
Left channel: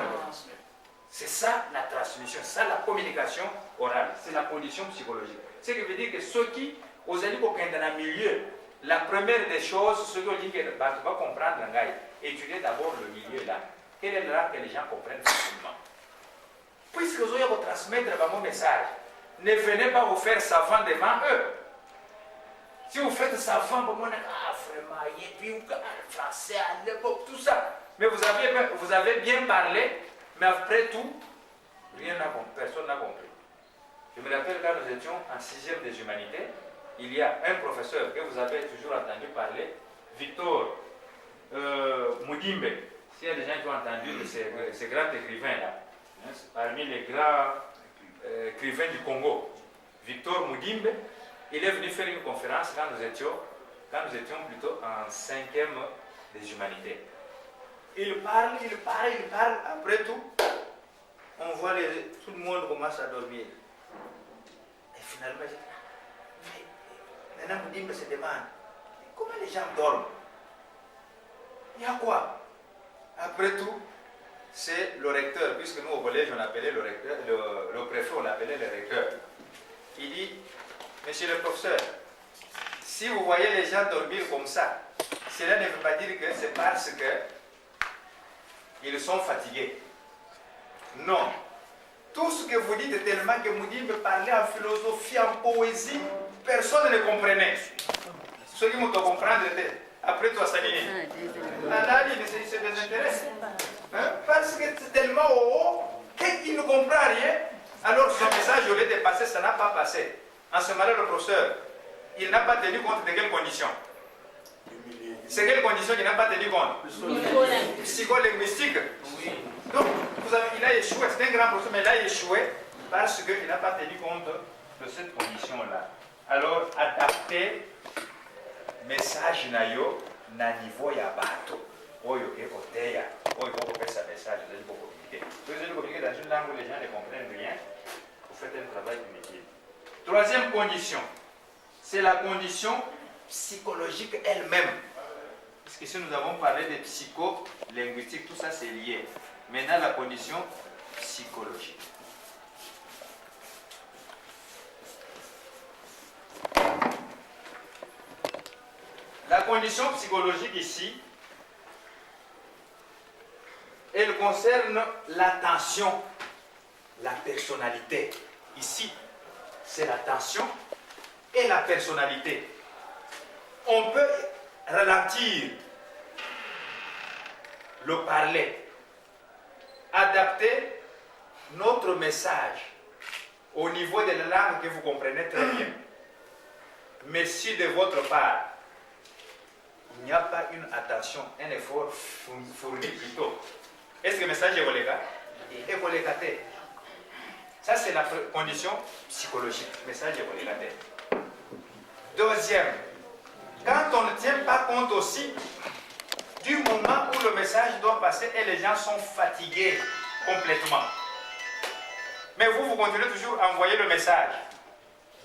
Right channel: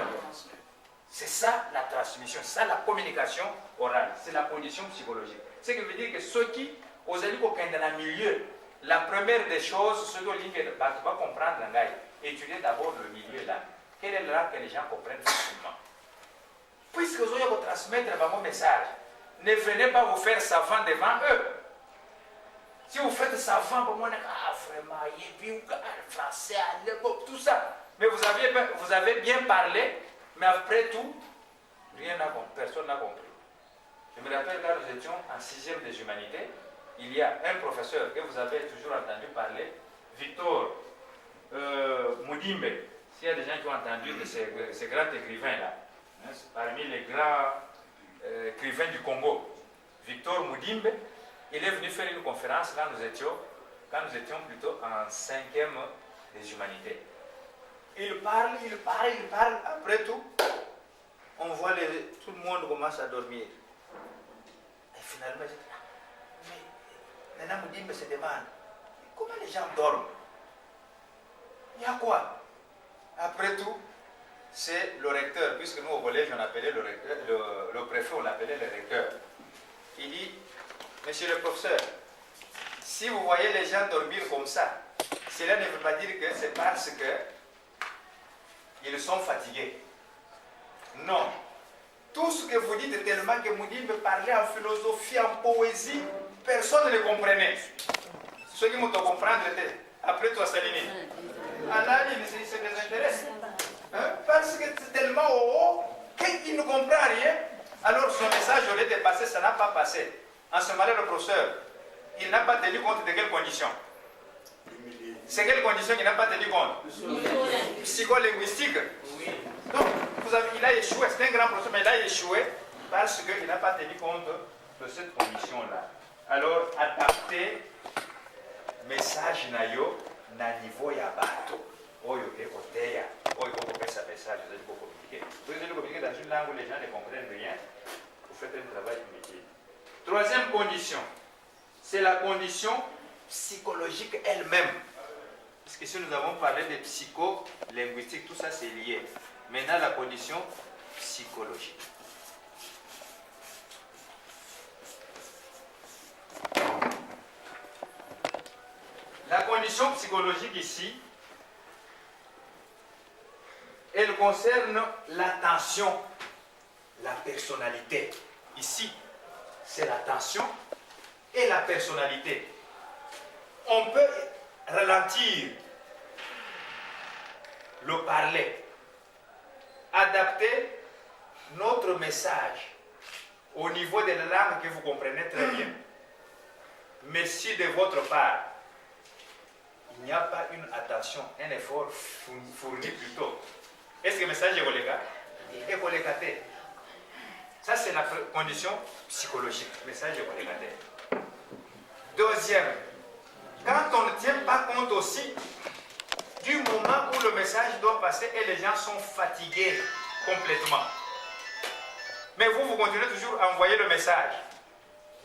C'est ça la transmission, c'est ça la communication orale. C'est la condition psychologique. Ce qui veut dire que ceux qui, aux alliés dans le milieu, la première des choses, ceux qui ont dit que tu vas comprendre l'anglais, étudiez d'abord le milieu là. Quelle est la langue que les gens comprennent facilement? Puisque vous allez transmettre mon message, ne venez pas vous faire savant devant eux. Si vous faites savant, vraiment, et puis français, tout ça. Mais vous avez bien parlé, mais après tout, personne n'a compris. Je me rappelle quand nous étions en 6e des humanités, il y a un professeur que vous avez toujours entendu parler, Victor Moudimbe. S'il y a des gens qui ont entendu de ces grands écrivains-là, parmi les grands écrivains du Congo, Victor Moudimbe, il est venu faire une conférence quand nous étions plutôt en 5e des humanités. Il parle, après tout, on voit tout le monde commence à dormir. Et finalement, maintenant Moudimbe se demande, comment les gens dorment? Il y a quoi? Après tout, c'est le recteur, puisque nous au collège on appelait le recteur, le préfet on l'appelait le recteur. Il dit, monsieur le professeur, si vous voyez les gens dormir comme ça, cela ne veut pas dire que c'est parce qu'ils sont fatigués. Non. Tout ce que vous dites est tellement que Moudi me parlait en philosophie, en poésie, personne ne comprenait. Ceux qui m'ont compris, après toi, Saline. Allah, il se désintéresse. Hein? Parce que c'est tellement haut qu'il ne comprend rien. Alors son message, au lieu de passer, ça n'a pas passé. En ce moment-là, le professeur, il n'a pas tenu compte de quelles conditions. C'est quelles conditions qu'il n'a pas tenu compte? Psycholinguistique. Donc, il a échoué, c'est un grand professeur, mais il a échoué parce qu'il n'a pas tenu compte de cette condition-là. Alors, adapter message nayo na niveau ya bato. Oyo ke koteya, oyo ko faire sa message, vous allez communiquer. Vous allez communiquer dans une langue où les gens ne comprennent rien. Vous faites un travail inutile. Troisième condition, c'est la condition psychologique elle-même. Parce que si nous avons parlé de psycho-linguistique, tout ça c'est lié. Maintenant, la condition psychologique. La condition psychologique ici, elle concerne l'attention, la personnalité. Ici, c'est l'attention et la personnalité. On peut ralentir le parler, adapter notre message au niveau de la langue que vous comprenez très bien. Mais si de votre part, il n'y a pas une attention, un effort fourni plutôt, est-ce que le message est relégué? Est relégué. Ça, c'est la condition psychologique. Le message est relégué. Deuxième, quand on ne tient pas compte aussi du moment où le message doit passer et les gens sont fatigués complètement. Mais vous continuez toujours à envoyer le message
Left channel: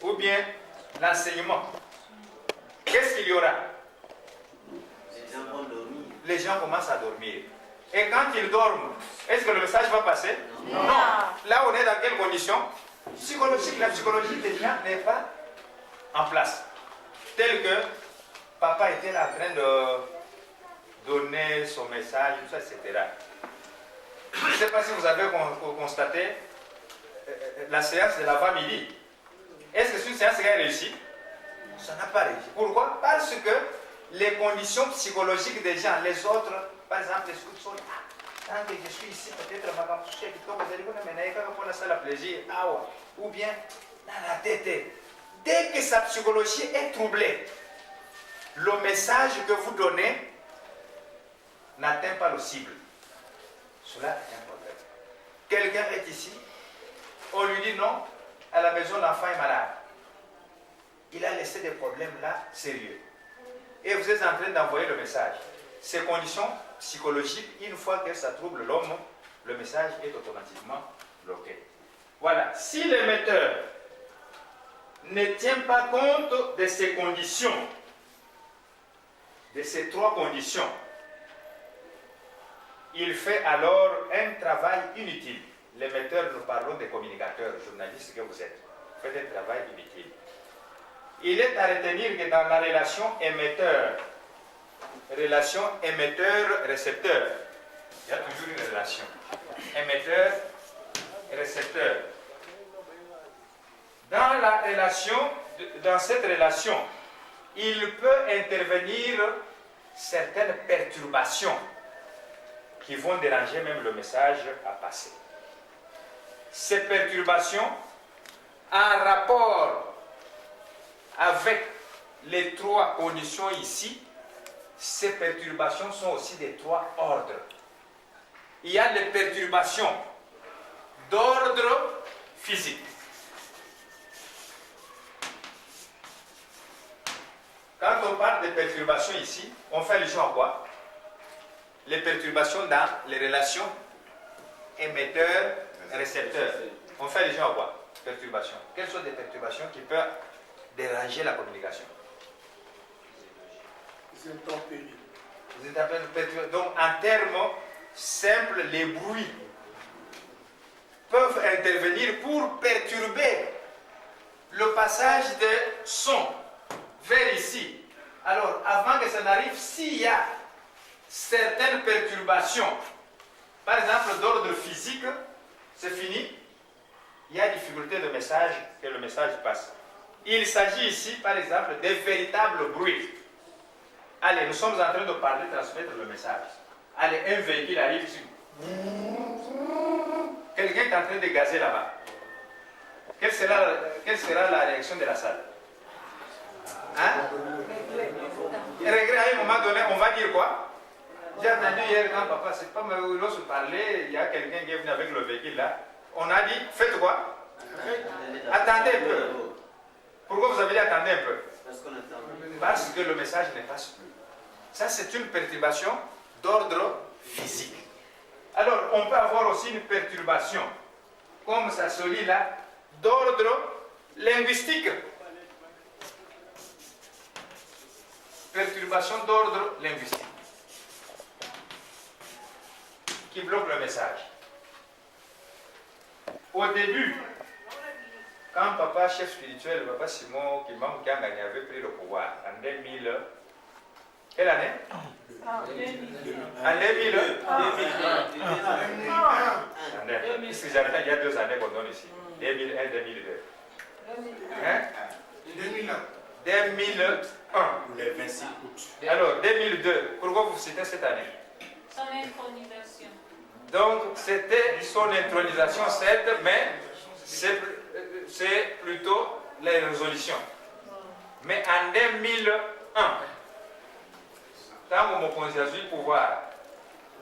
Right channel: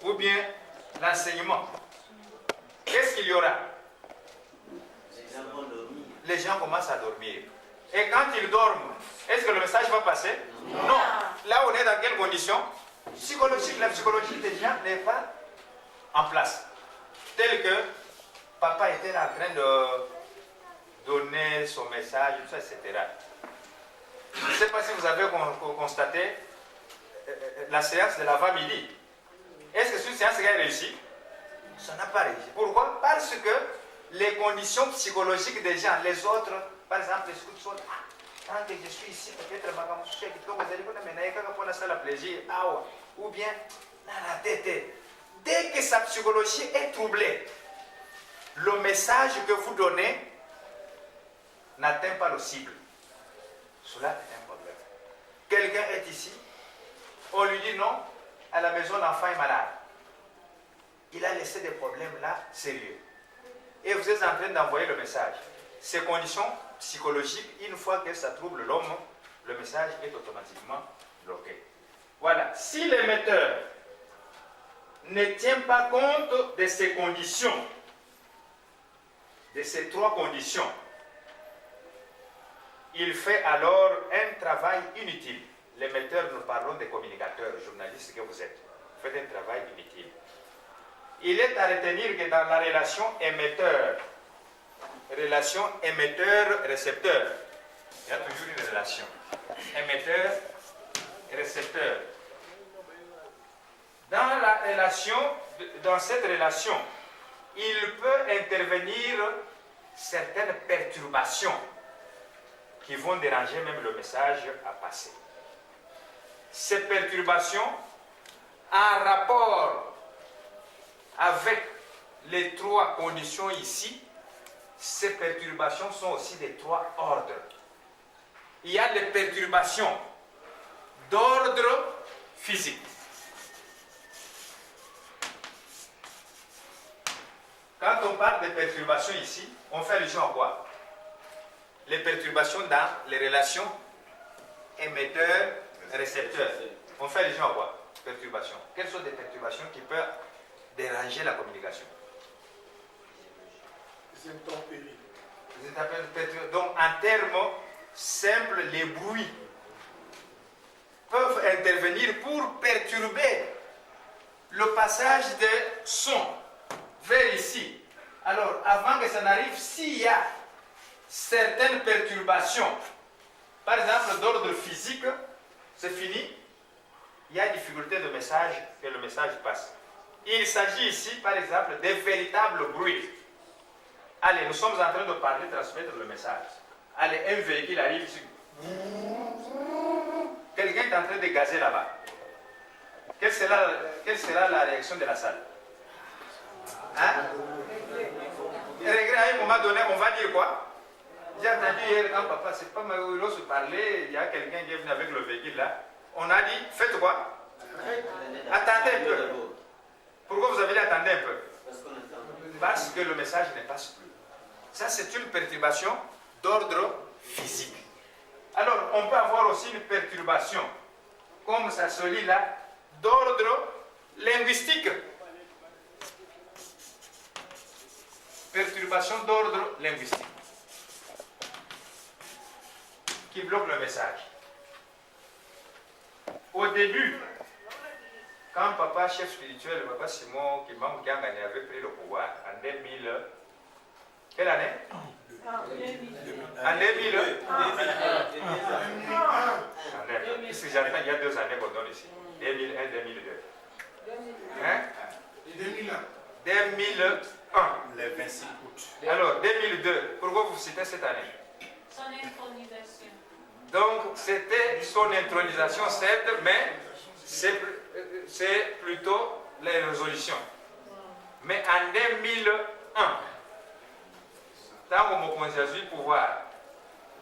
ou bien l'enseignement. Qu'est-ce qu'il y aura? Les gens commencent à dormir. Et quand ils dorment, est-ce que le message va passer? Non. Là, on est dans quelles conditions? Psychologique. La psychologie des gens n'est pas en place. Tel que papa était en train de donner son message, tout ça, etc. Je ne sais pas si vous avez constaté la séance de l'avant-midi. Est-ce que c'est une séance qui a réussi? Ça n'a pas réussi. Pourquoi? Parce que les conditions psychologiques des gens, les autres, par exemple, les scouts sont tant que je suis ici, peut-être ma campusée, plaisir, ou bien dans la tête. Dès que sa psychologie est troublée, le message que vous donnez n'atteint pas le cible. Cela est un problème. Quelqu'un est ici, on lui dit non, à la maison l'enfant est malade. Il a laissé des problèmes là sérieux. Et vous êtes en train d'envoyer le message. Ces conditions psychologiques, une fois que ça trouble l'homme, le message est automatiquement bloqué. Voilà. Si l'émetteur ne tient pas compte de ces conditions, de ces trois conditions, il fait alors un travail inutile. L'émetteur, nous parlons des communicateurs, journalistes que vous êtes. Vous faites un travail inutile. Il est à retenir que dans la relation émetteur-récepteur, il y a toujours une relation. Émetteur-récepteur. Dans cette relation, il peut intervenir certaines perturbations qui vont déranger même le message à passer. Ces perturbations, en rapport avec les trois conditions ici, ces perturbations sont aussi des trois ordres. Il y a les perturbations d'ordre physique. Quand on parle de perturbations ici, on fait allusion à quoi? Les perturbations dans les relations émetteur-récepteur. On fait allusion à quoi? Perturbations. Quelles sont les perturbations qui peuvent déranger la communication? Les intempéries. Donc, en termes simples, les bruits peuvent intervenir pour perturber le passage des sons vers ici. Alors, avant que ça n'arrive, s'il y a certaines perturbations, par exemple d'ordre physique, c'est fini, il y a difficulté de message, que le message passe. Il s'agit ici, par exemple, de véritables bruits. Allez, nous sommes en train de parler, transmettre le message. Allez, un véhicule arrive ici. Quelqu'un est en train de gazer là-bas. Quelle sera la réaction de la salle? Hein? À un moment donné, on va dire quoi? J'ai entendu hier quand papa, c'est pas malheureux se parler, il y a quelqu'un qui est venu avec le véhicule là. On a dit, faites quoi? Attendez un peu. Pourquoi vous avez dit attendez un peu? Parce que le message ne passe plus. Ça, c'est une perturbation d'ordre physique. Alors, on peut avoir aussi une perturbation, comme ça se lit là, d'ordre linguistique. Perturbation d'ordre linguistique qui bloque le message. Au début, quand papa, chef spirituel, papa Simon, qui avait pris le pouvoir en 2000, quelle année? En 2000. Puisque j'arrive, il y a 2 années qu'on donne ici. 2001, 2002. Hein? 2001. Le 26 août. Alors, 2002, pourquoi vous citez cette année? Son intronisation. Donc, c'était son intronisation, certes, mais c'est plutôt les résolutions. Mais en 2001, quand on m'a considéré le pouvoir,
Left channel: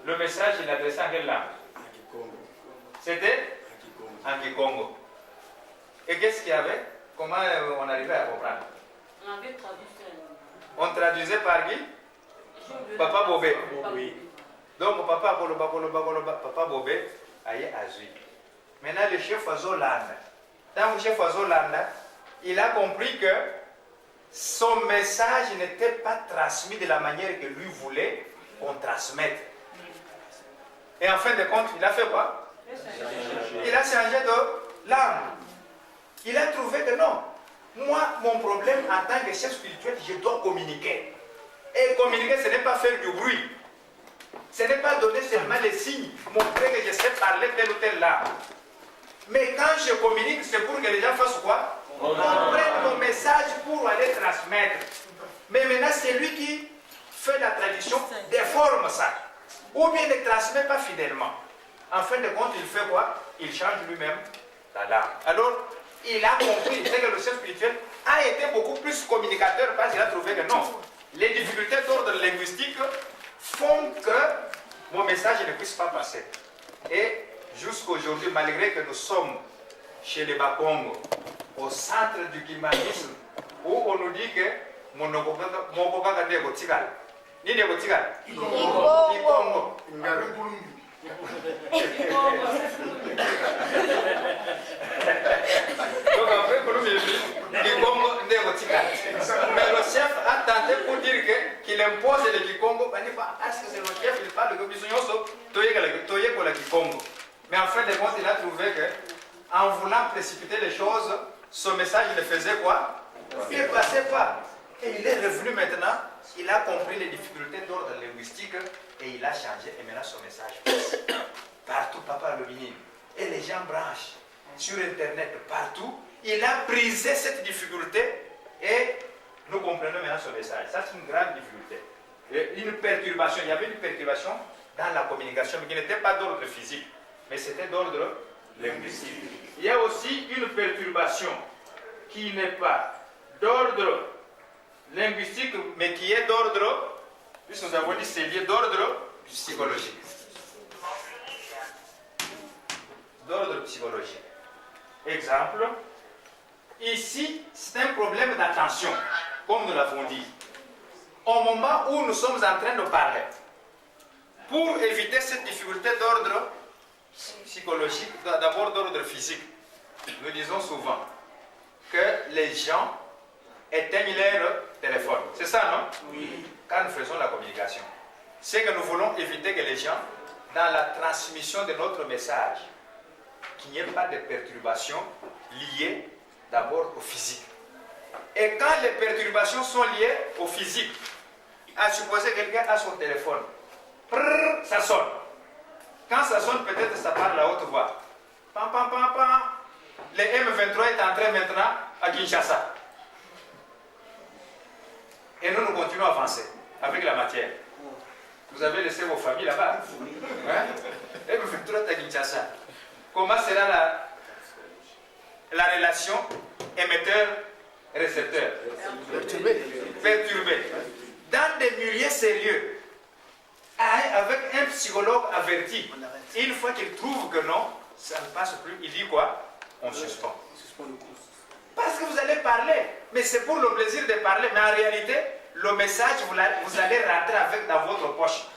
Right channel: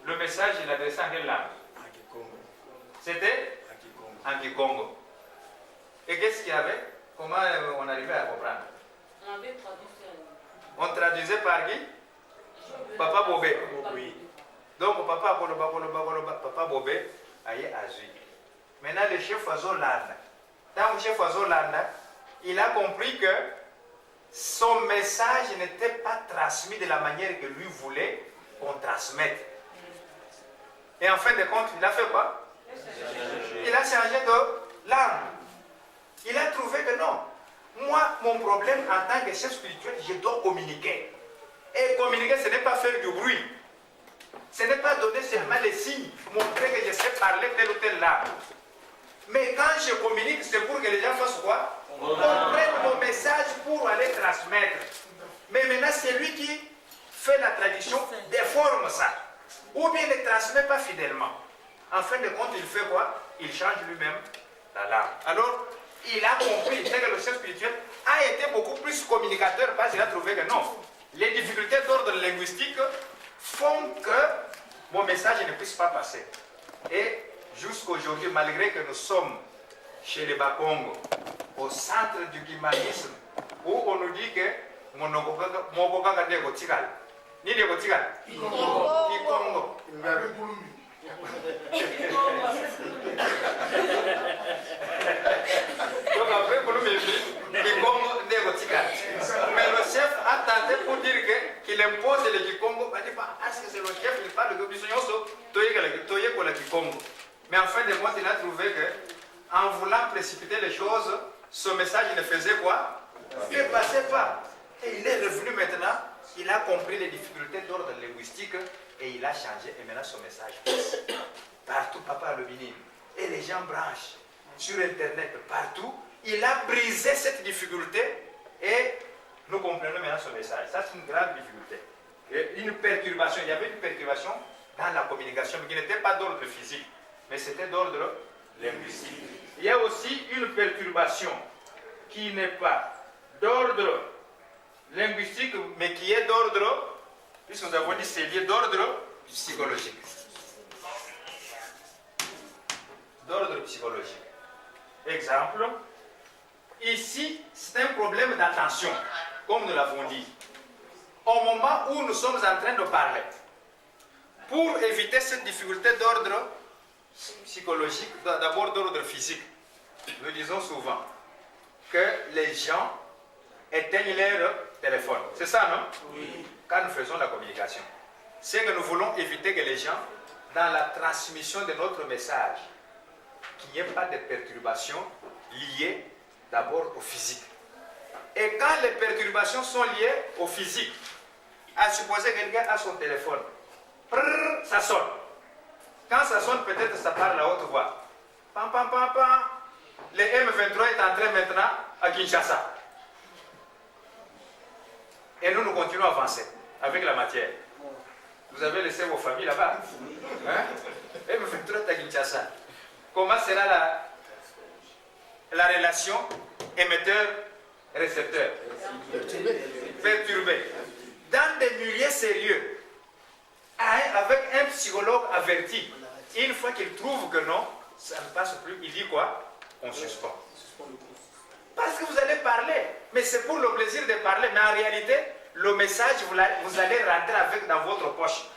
le message, il adressait en quelle langue? C'était en Kikongo. Et qu'est-ce qu'il y avait? Comment on arrivait à comprendre? On avait traduit ça. On traduisait par qui? Papa Bobé. Oui. Donc papa Koloba, papa Bobé, aïe Azui. Maintenant le chef Azolanda. Dans le chef Azolanda, il a compris que son message n'était pas transmis de la manière que lui voulait qu'on transmette. Et en fin de compte, il a fait quoi? Il a changé de langue. Il a trouvé que non. Moi, mon problème en tant que chef spirituel, je dois communiquer. Et communiquer, ce n'est pas faire du bruit. Ce n'est pas donner seulement les signes, montrer que je sais parler telle ou telle langue. Mais quand je communique, c'est pour que les gens fassent quoi? Comprennent mon message pour aller transmettre. Mais maintenant, c'est lui qui fait la tradition, déforme ça. Ou bien ne transmet pas fidèlement. En fin de compte, il fait quoi? Il change lui-même la langue. Alors, il a compris, c'est que le chef spirituel a été beaucoup plus communicateur parce qu'il a trouvé que non. Les difficultés d'ordre linguistique font que mon message ne puisse pas passer. Et jusqu'aujourd'hui, malgré que nous sommes chez les Bakongo, au centre du kimanisme, où on nous dit que mon Mokoka de Gotigal. Ni de Gotigal? Kikongo. Donc après, mais le chef a tenté pour dire qu'il impose le Kikongo, parce que c'est le chef, il parle de Kikongo. Mais en fin de compte, il a trouvé que, en voulant précipiter les choses, ce message ne faisait quoi? Il ne passait pas. Et il est revenu maintenant, il a compris les difficultés d'ordre linguistique et il a changé. Et maintenant, son message passe. Partout, papa le ministre. Et les gens branchent sur Internet, partout. Il a brisé cette difficulté et nous comprenons maintenant ce message. Ça, c'est une grande difficulté. Et une perturbation, il y avait une perturbation dans la communication, mais qui n'était pas d'ordre physique, mais c'était d'ordre linguistique. Il y a aussi une perturbation qui n'est pas d'ordre linguistique, mais qui est d'ordre, puisque nous avons dit c'est lié d'ordre psychologique. D'ordre psychologique. Exemple, ici, c'est un problème d'attention, comme nous l'avons dit. Au moment où nous sommes en train de parler, pour éviter cette difficulté d'ordre psychologique, d'abord d'ordre physique, nous disons souvent que les gens éteignent leur téléphone. C'est ça, non? Oui. Quand nous faisons la communication. C'est que nous voulons éviter que les gens, dans la transmission de notre message, qu'il n'y ait pas de perturbations liées d'abord au physique. Et quand les perturbations sont liées au physique, à supposer que quelqu'un a son téléphone, prrr, ça sonne. Quand ça sonne, peut-être ça parle à haute voix. Pam, pam, pam, pam. le M23 est entré maintenant à Kinshasa. Et nous, nous continuons à avancer avec la matière. Vous avez laissé vos familles là-bas. Hein? M23 est à Kinshasa. Comment sera la relation émetteur-récepteur? Perturbée. Dans des milieux sérieux, avec un psychologue averti, une fois qu'il trouve que non, ça ne passe plus, il dit quoi? On suspend. Parce que vous allez parler, mais c'est pour le plaisir de parler, mais en réalité, le message, vous allez rentrer avec dans votre poche,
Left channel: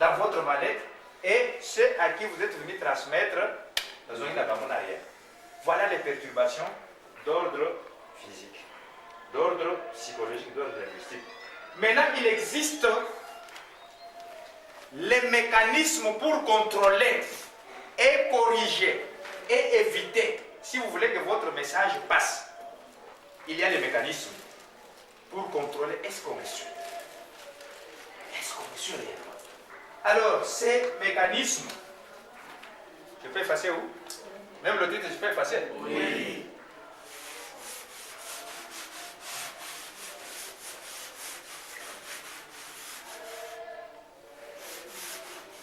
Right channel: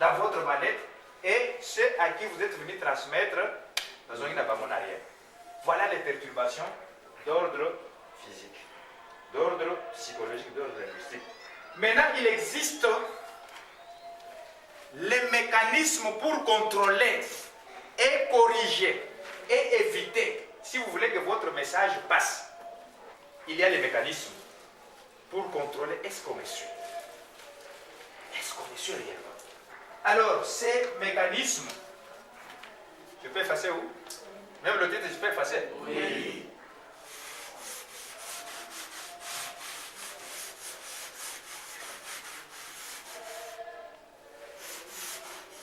dans votre mallette, et ceux à qui vous êtes venu transmettre, ils ont une abandon arrière. Voilà les perturbations d'ordre physique, d'ordre psychologique, d'ordre linguistique. Maintenant, il existe les mécanismes pour contrôler et corriger et éviter, si vous voulez que votre message passe. Il y a les mécanismes pour contrôler est-ce qu'on est sûr. Est-ce qu'on est sûr réellement? Alors, ces mécanismes, je peux effacer où? Même le titre, je peux effacer? Oui.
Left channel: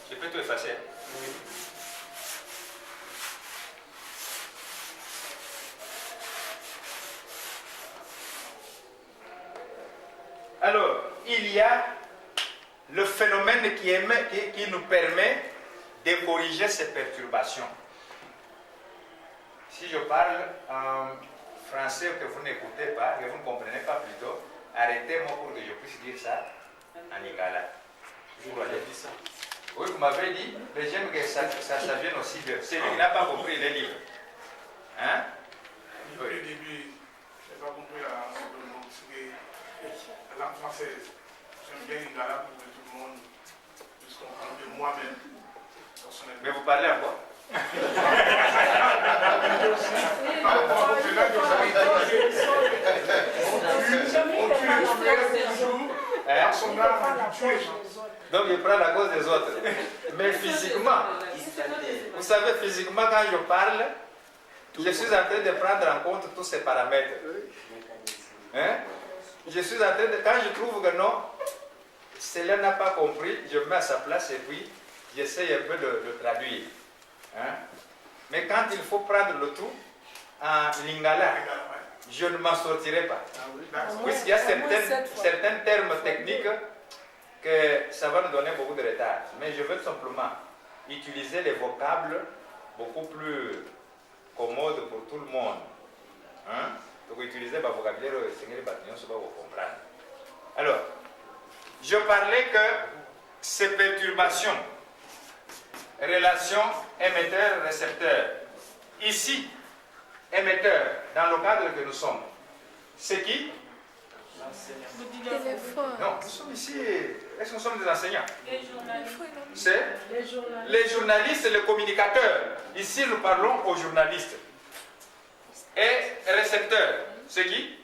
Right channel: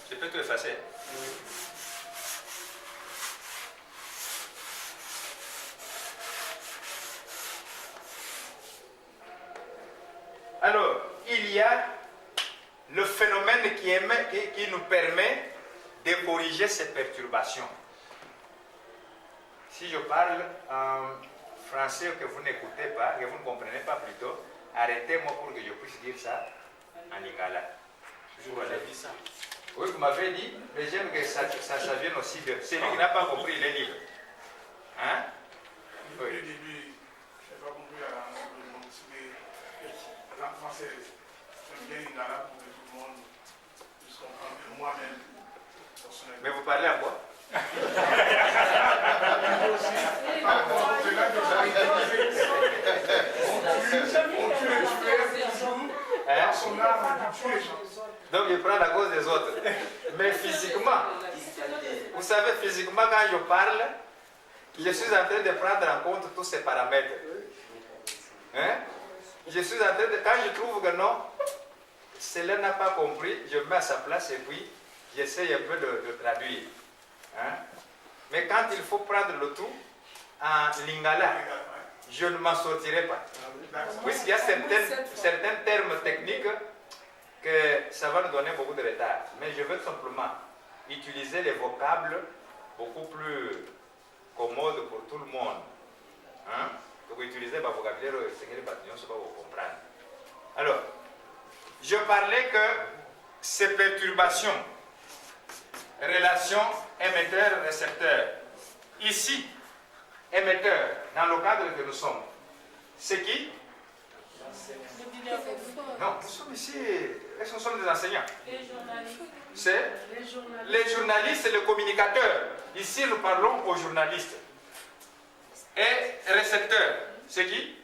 Je peux tout effacer? Oui. Alors, il y a le phénomène qui nous permet de corriger ces perturbations. Si je parle en français que vous n'écoutez pas, que vous ne comprenez pas plutôt, arrêtez-moi pour que je puisse dire ça en lingala. Oui, vous m'avez dit, mais j'aime que ça vienne aussi de... Celui qui n'a pas compris, il est libre. Hein? Oui. Au début, je n'ai pas compris la langue française. J'aime bien lingala pour que tout le monde puisse comprendre, que moi-même, personnellement. Mais vous parlez à quoi? Donc il prend la cause des autres. Mais physiquement, vous savez, physiquement, quand je parle, je suis en train de prendre en compte tous ces paramètres. Hein? Je suis en train de, quand je trouve que non, cela n'a pas compris, je me mets à sa place et puis j'essaie un peu de traduire. Hein? Mais quand il faut prendre le tout en lingala, je ne m'en sortirai pas. Puisqu'il y a certains termes techniques que ça va nous donner beaucoup de retard. Mais je veux tout simplement utiliser les vocables beaucoup plus commodes pour tout le monde. Hein? Donc utiliser le vocabulaire Seigneur Bâtillon, ça va vous comprendre. Alors, je parlais que ces perturbations, relation émetteur-récepteur. Ici, émetteur, dans le cadre que nous sommes, c'est qui? Non, nous sommes ici. Est-ce que nous sommes des enseignants? Les journalistes. C'est les journalistes et les communicateurs. Ici, nous parlons aux journalistes. Et récepteurs, c'est qui?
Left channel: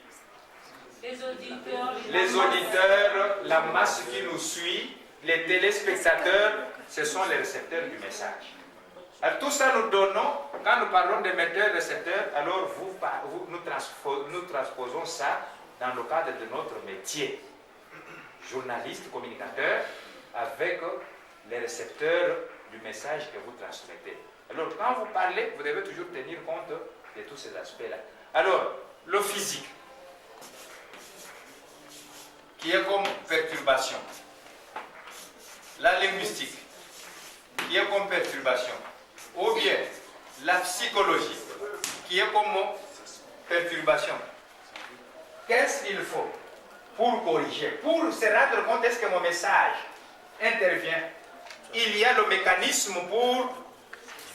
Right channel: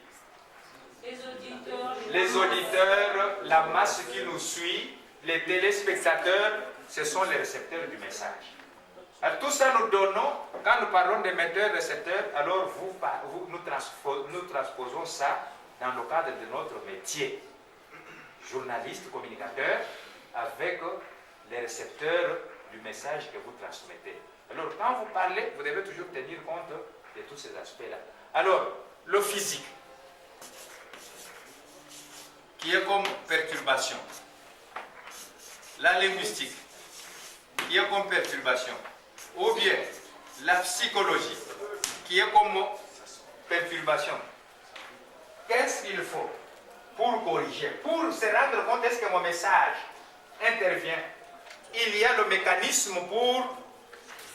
Les auditeurs. Les auditeurs, la masse qui nous suit, les téléspectateurs, ce sont les récepteurs du message. Alors, tout ça nous donnons, quand nous parlons d'émetteurs, récepteurs, alors nous transposons ça dans le cadre de notre métier. Journaliste, communicateur, avec les récepteurs du message que vous transmettez. Alors, quand vous parlez, vous devez toujours tenir compte de tous ces aspects-là. Alors, le physique, qui est comme perturbation. La linguistique, qui est comme perturbation. Ou bien, la psychologie, qui est comme perturbation. Qu'est-ce qu'il faut pour corriger, pour se rendre compte est-ce que mon message intervient? Il y a le mécanisme pour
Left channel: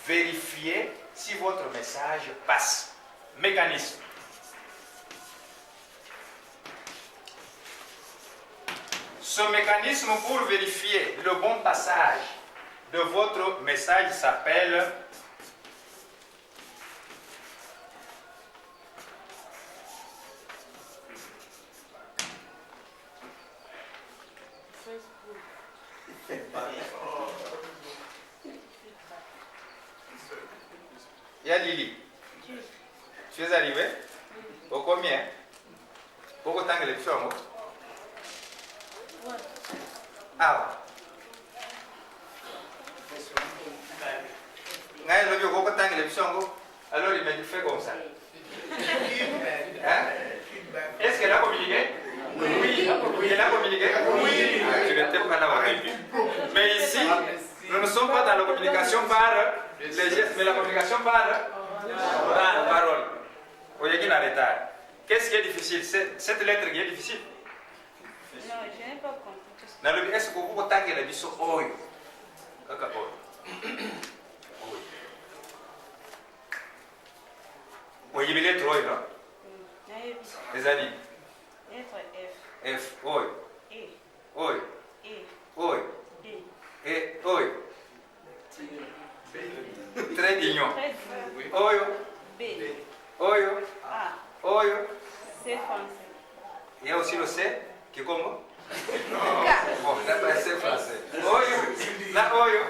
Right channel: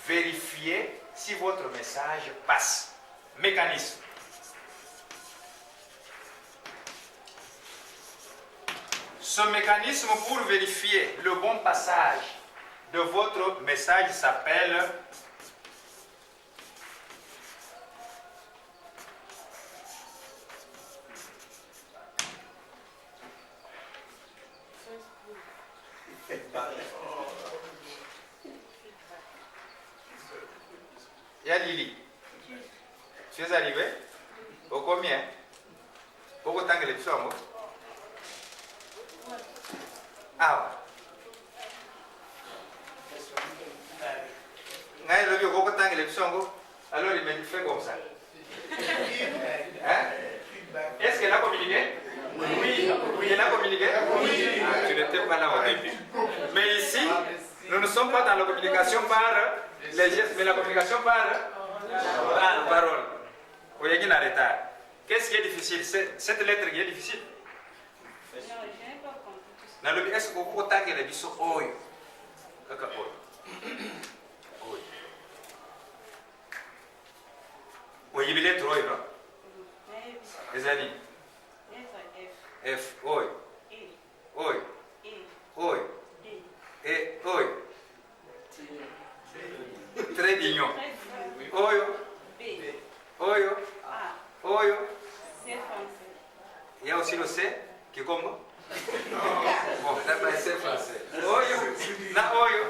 vérifier si votre message passe. Mécanisme. Ce mécanisme pour vérifier le bon passage de votre message s'appelle il y a Lily. Tu es arrivé? Au combien? Pourquoi tant que les petits sont ah alors il m'a dit fais comme ça. Hein? Est-ce qu'elle a communiqué? Oui. Elle a communiqué? Oui. Ah, tu n'étais pas là au début. Mais ici, nous ne sommes pas dans la communication par les gestes, mais la communication par la parole. Voyez qu'il est en retard. Qu'est-ce qui est difficile? C'est cette lettre qui est difficile. Non, je n'ai pas compris. Est-ce que vous avez vu ce oil? Oui, il y a lettre oil, non? Les amis. Lettre F, oil. E, Oil. E, Oil. B. Et oil. Très mignon. Très Oil. B, Oil. A, Oil. C français. Il y a aussi le C qui est comme bon, d'après c'est français. Oil. La oil.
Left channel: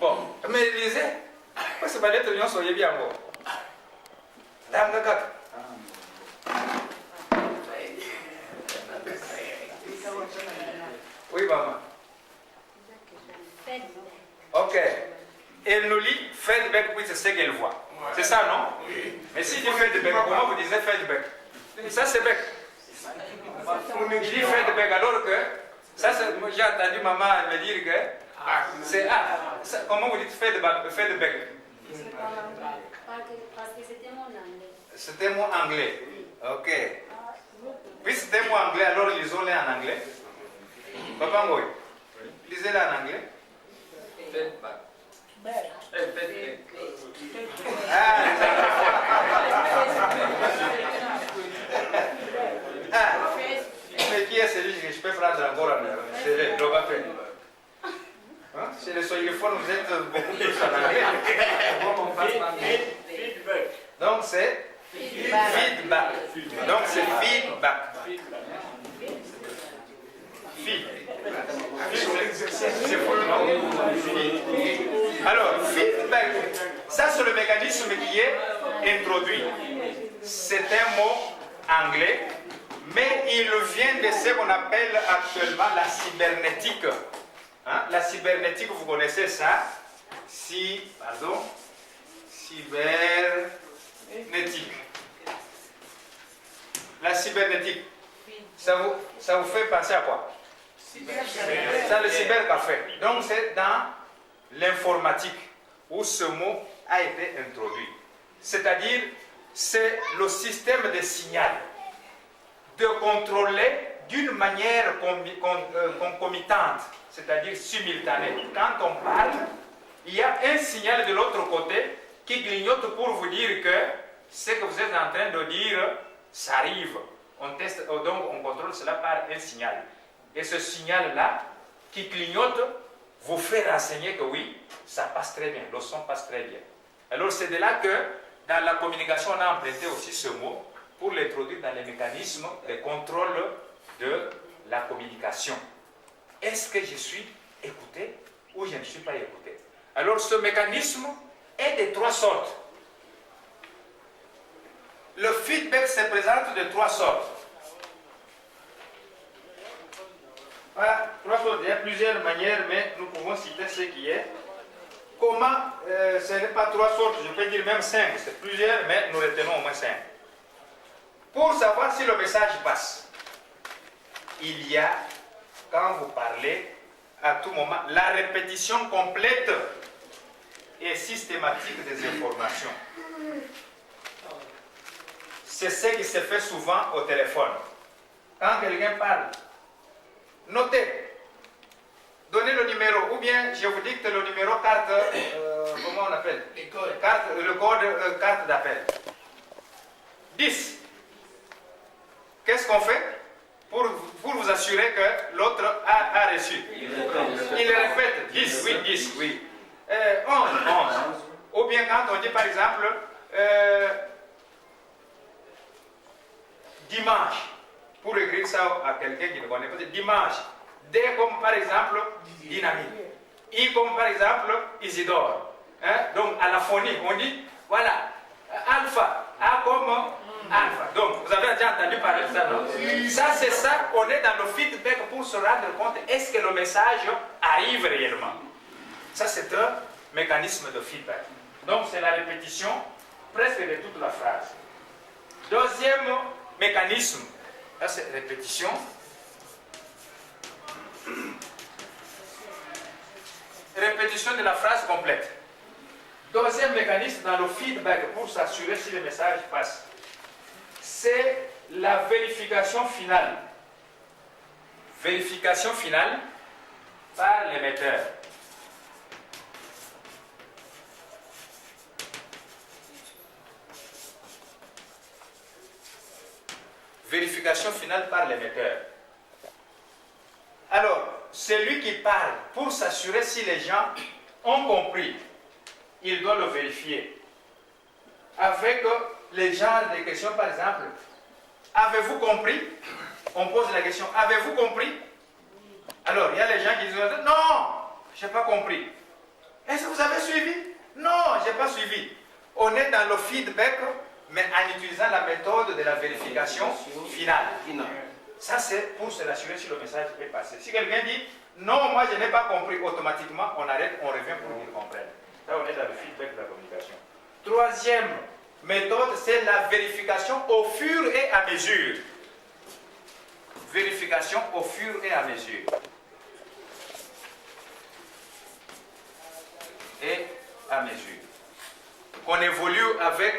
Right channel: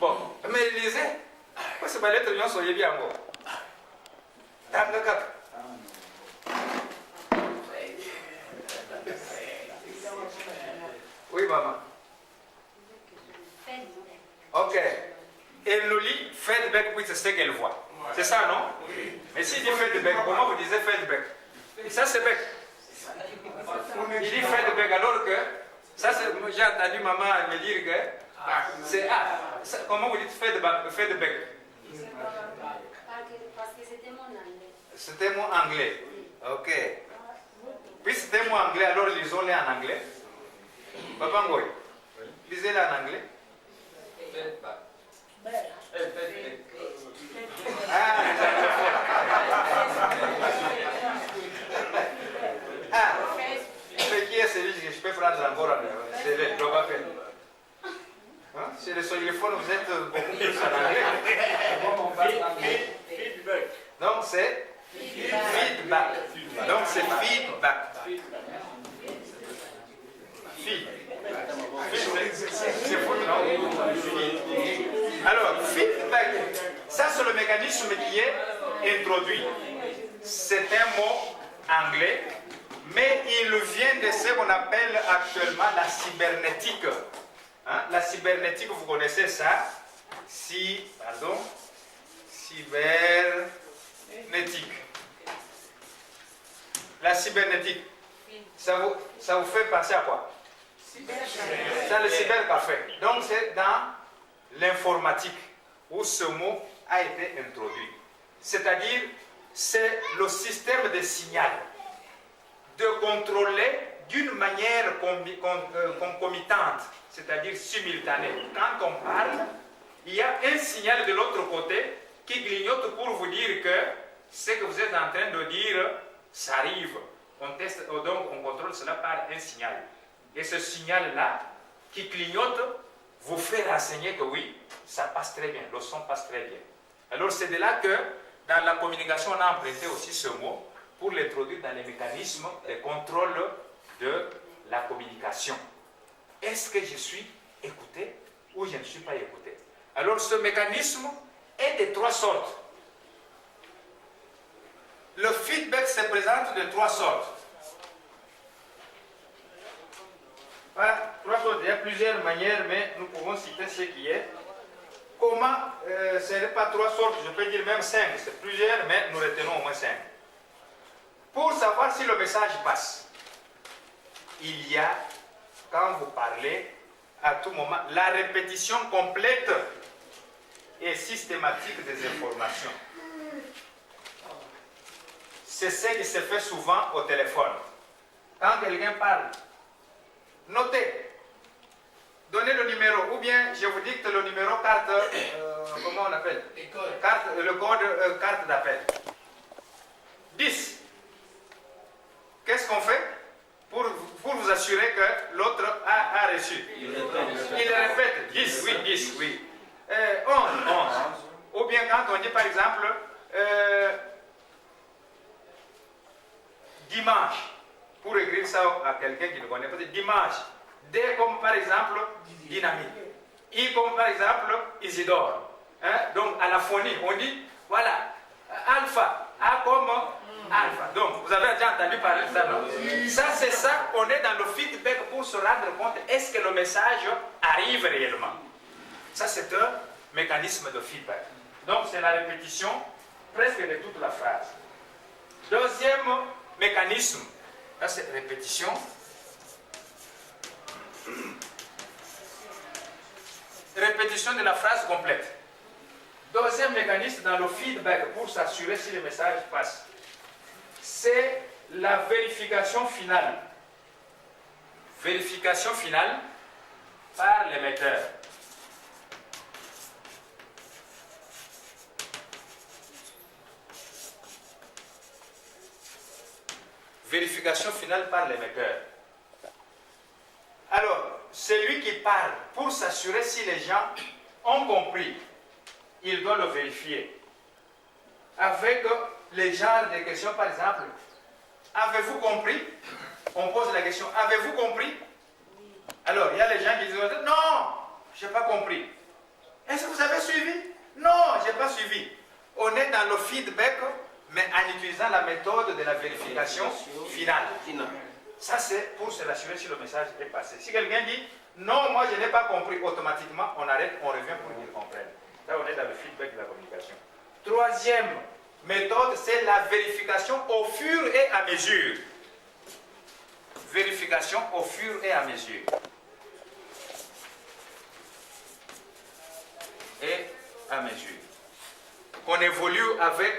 Bon, mais lisez. Moi, c'est pas lettre de soyez bien bon. Oui, maman. Ok. Elle nous lit feedback, oui, c'est ce qu'elle voit. C'est ça, non? Oui. Mais si dit feedback, comment vous disiez feedback? Ça, c'est bec. Il dit feedback alors que, ça, j'ai entendu maman me dire que c'est A. Comment vous dites feedback? Parce que c'était mon anglais. C'était mon anglais. Ok. Puis c'était mon anglais, alors lisons-les en anglais. Papa Ngoy, lisez-les en anglais. Ah, les anglophones. Ah, mais qui est celui que je peux prendre encore en c'est le Globapé. Hein? Chez les anglophones, vous êtes beaucoup plus en anglais. Donc c'est feedback. Donc c'est feedback. C'est fou le nom. Alors, feedback, ça c'est le mécanisme qui est introduit. C'est un mot anglais, mais il vient de ce qu'on appelle actuellement la cybernétique. Hein? La cybernétique, vous connaissez ça? Cybernétique. La cybernétique, ça vous fait penser à quoi? C'est le cybercafé. Donc c'est dans l'informatique où ce mot a été introduit. C'est-à-dire, c'est le système de signal de contrôler d'une manière concomitante, c'est-à-dire simultanée. Quand on parle, il y a un signal de l'autre côté qui clignote pour vous dire que ce que vous êtes en train de dire, ça arrive. On teste, donc on contrôle cela par un signal. Et ce signal-là, qui clignote, vous fait renseigner que oui, ça passe très bien, le son passe très bien. Alors c'est de là que, dans la communication, on a emprunté aussi ce mot pour l'introduire dans les mécanismes de contrôle de la communication. Est-ce que je suis écouté ou je ne suis pas écouté? Alors ce mécanisme est de trois sortes. Le feedback se présente de trois sortes. Voilà, trois sortes. Il y a plusieurs manières, mais nous pouvons citer ce qui est. Comment, ce n'est pas trois sortes, je peux dire même cinq, c'est plusieurs, mais nous retenons au moins cinq. Pour savoir si le message passe, il y a, quand vous parlez, à tout moment, la répétition complète et systématique des informations. C'est ce qui se fait souvent au téléphone. Quand quelqu'un parle, notez, donnez le numéro, ou bien je vous dicte le numéro carte, comment on appelle? Le code carte d'appel. 10. Qu'est-ce qu'on fait pour vous assurer que l'autre a reçu? Il répète 10, oui, 10, oui. 11, 11. Ou bien quand on dit par exemple dimanche, pour écrire ça à quelqu'un qui ne connaît pas, dimanche. D comme par exemple dynamique. I comme par exemple Isidore. Hein? Donc à la phonie, on dit voilà, alpha, A comme alpha. Donc, vous avez déjà entendu parler de ça, non? Ça, c'est ça, on est dans le feedback pour se rendre compte, est-ce que le message arrive réellement? Ça, c'est un mécanisme de feedback. Donc, c'est la répétition presque de toute la phrase. Deuxième mécanisme, là, c'est répétition. Répétition de la phrase complète. Deuxième mécanisme dans le feedback pour s'assurer si le message passe, c'est la vérification finale. Vérification finale par l'émetteur. Vérification finale par l'émetteur. Alors, celui qui parle pour s'assurer si les gens ont compris, il doit le vérifier. Avec les genres de questions, par exemple, avez-vous compris? On pose la question, avez-vous compris? Alors, il y a les gens qui disent, non, je n'ai pas compris. Est-ce que vous avez suivi? Non, je n'ai pas suivi. On est dans le feedback, mais en utilisant la méthode de la vérification finale. Ça, c'est pour se rassurer si le message est passé. Si quelqu'un dit, non, moi je n'ai pas compris, automatiquement, on arrête, on revient pour qu'il comprenne. Là, on est dans le feedback de la communication. Troisième méthode, c'est la vérification au fur et à mesure. Vérification au fur et à mesure. Et à mesure. On évolue avec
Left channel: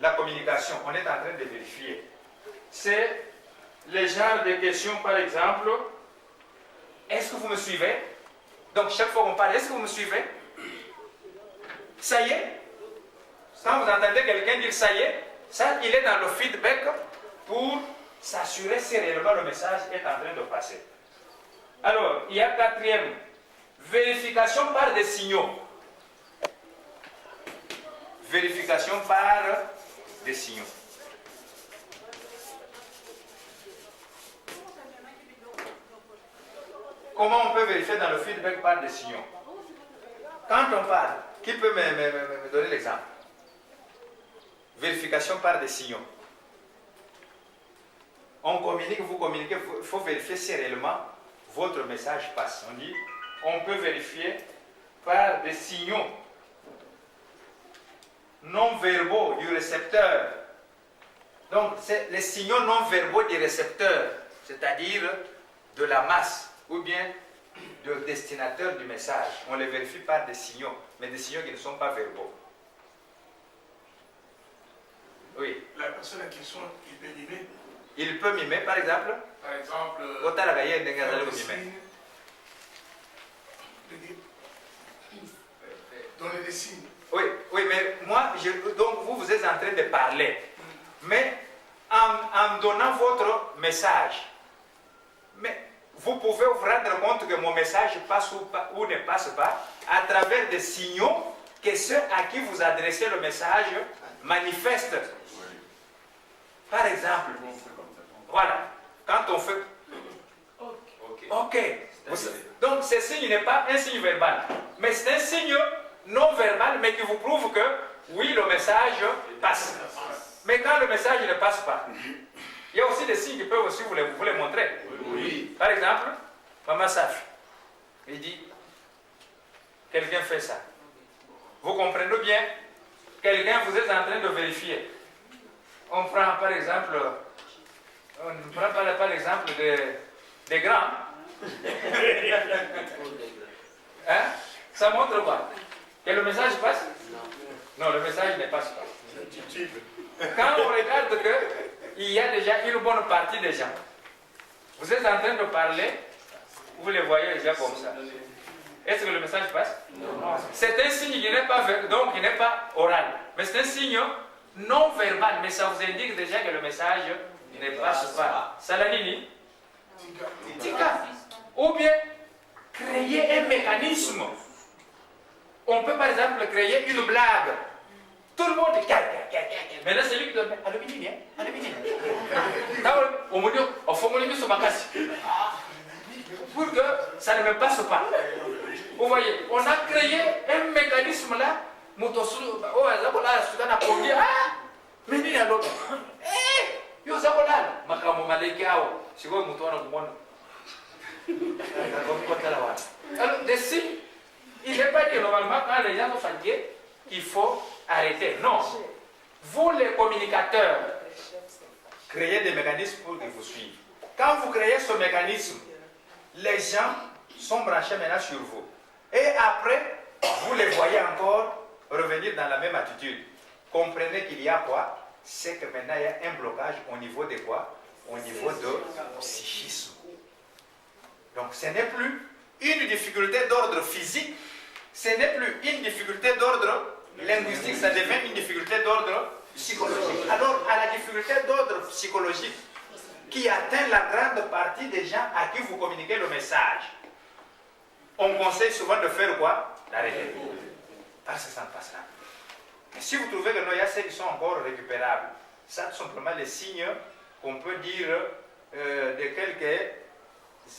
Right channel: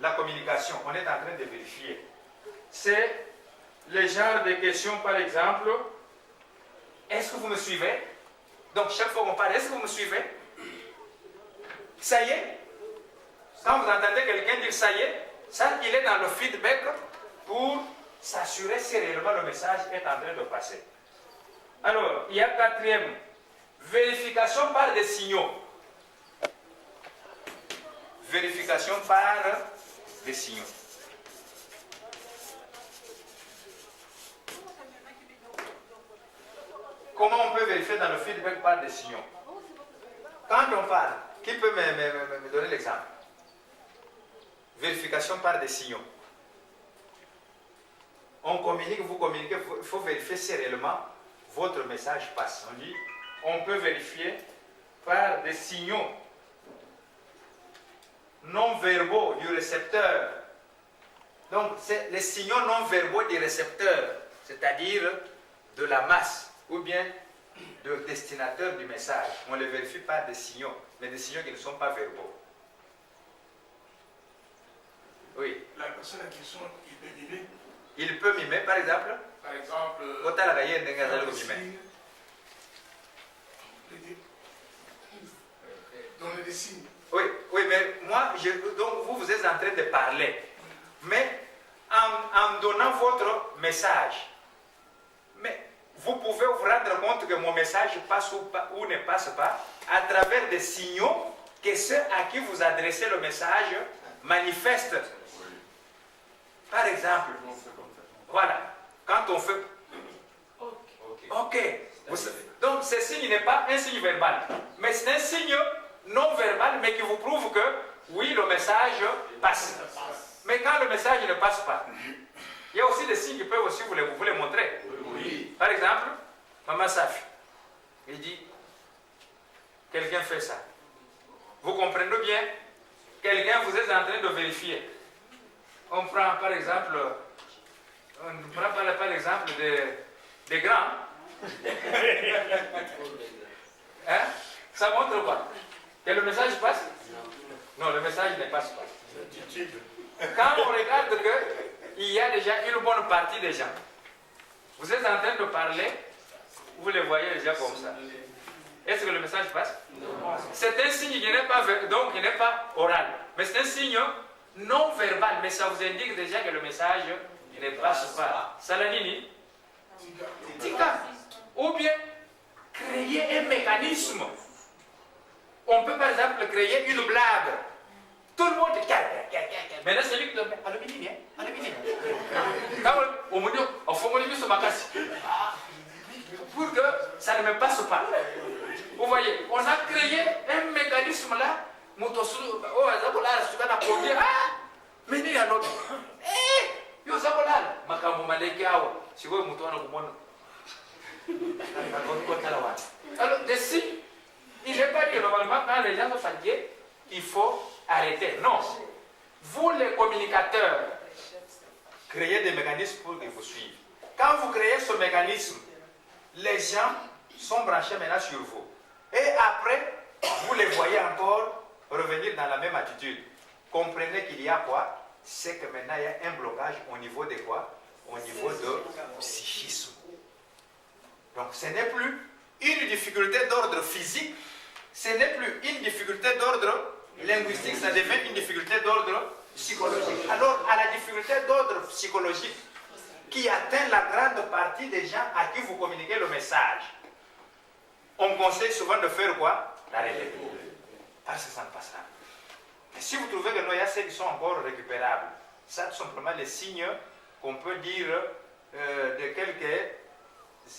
la communication. On est en train de vérifier. C'est les genres de questions, par exemple, est-ce que vous me suivez? Donc, chaque fois qu'on parle, est-ce que vous me suivez? Ça y est? Quand vous entendez quelqu'un dire ça y est, ça, il est dans le feedback pour s'assurer si réellement le message est en train de passer. Alors, il y a quatrième, vérification par des signaux. Vérification par des signaux. Comment on peut vérifier dans le feedback par des signaux? Quand on parle, qui peut me donner l'exemple? Vérification par des signaux. On communique, vous communiquez, il faut vérifier si réellement votre message passe. On dit, on peut vérifier par des signaux non-verbaux du récepteur. Donc, c'est les signaux non-verbaux du récepteur, c'est-à-dire de la masse, ou bien de destinataire du message. On les vérifie par des signaux, mais des signaux qui ne sont pas verbaux. Oui. La personne en question, il peut mimer. Il peut mimer, par exemple. Par exemple, donner des signes. Oui, oui, mais moi, donc vous êtes en train de parler. Mais en donnant votre message, mais vous pouvez vous rendre compte que mon message passe ou ne passe pas à travers des signaux que ceux à qui vous adressez le message manifestent. Par exemple, voilà, quand on fait OK. Donc ce signe n'est pas un signe verbal, mais c'est un signe non verbal, mais qui vous prouve que oui, le message passe. Mais quand le message ne passe pas, il y a aussi des signes qui peuvent aussi vous les montrer. Oui. Par exemple, Maman Safi, il dit, quelqu'un fait ça. Vous comprenez bien, quelqu'un vous êtes en train de vérifier. On prend par exemple, l'exemple des grands. Hein? Ça montre quoi? Que le message passe? Non, le message ne passe pas. Quand on regarde qu'il y a déjà une bonne partie des gens, vous êtes en train de parler, vous les voyez déjà comme ça. Est-ce que le message passe? Non. C'est un signe qui n'est pas, donc, qui n'est pas oral, mais c'est un signe non verbal, mais ça vous indique déjà que le message ne passe pas. Salanini? Tika. Ou bien créer un mécanisme. On peut par exemple créer une blague. Tout le monde dit maintenant c'est lui qui le met. Pour que ça ne me passe pas. Vous voyez, on a créé un mécanisme là. Mais il y a l'autre. Eh, yo zabolala. Makambo maleki awo. Siko mutu wana kumona. Alors, des signes, il n'est pas dit normalement quand les gens sont fatigués, il faut arrêter. Non. Vous les communicateurs, Créez des mécanismes pour qu'ils vous suivent. Quand vous créez ce mécanisme, les gens sont branchés maintenant sur vous. Et après, vous les voyez encore revenir dans la même attitude. Comprenez qu'il y a quoi? C'est que maintenant il y a un blocage au niveau de quoi? Au niveau de psychisme. Donc ce n'est plus une difficulté d'ordre physique, ce n'est plus une difficulté d'ordre linguistique, ça devient une difficulté d'ordre psychologique. Alors à la difficulté d'ordre psychologique qui atteint la grande partie des gens à qui vous communiquez le message, on conseille souvent de faire quoi? D'arrêter. Parce que ça ne passera pas. Et si vous trouvez que non, il y a ceux qui sont encore récupérables, ça tout simplement les signes qu'on peut dire de quelques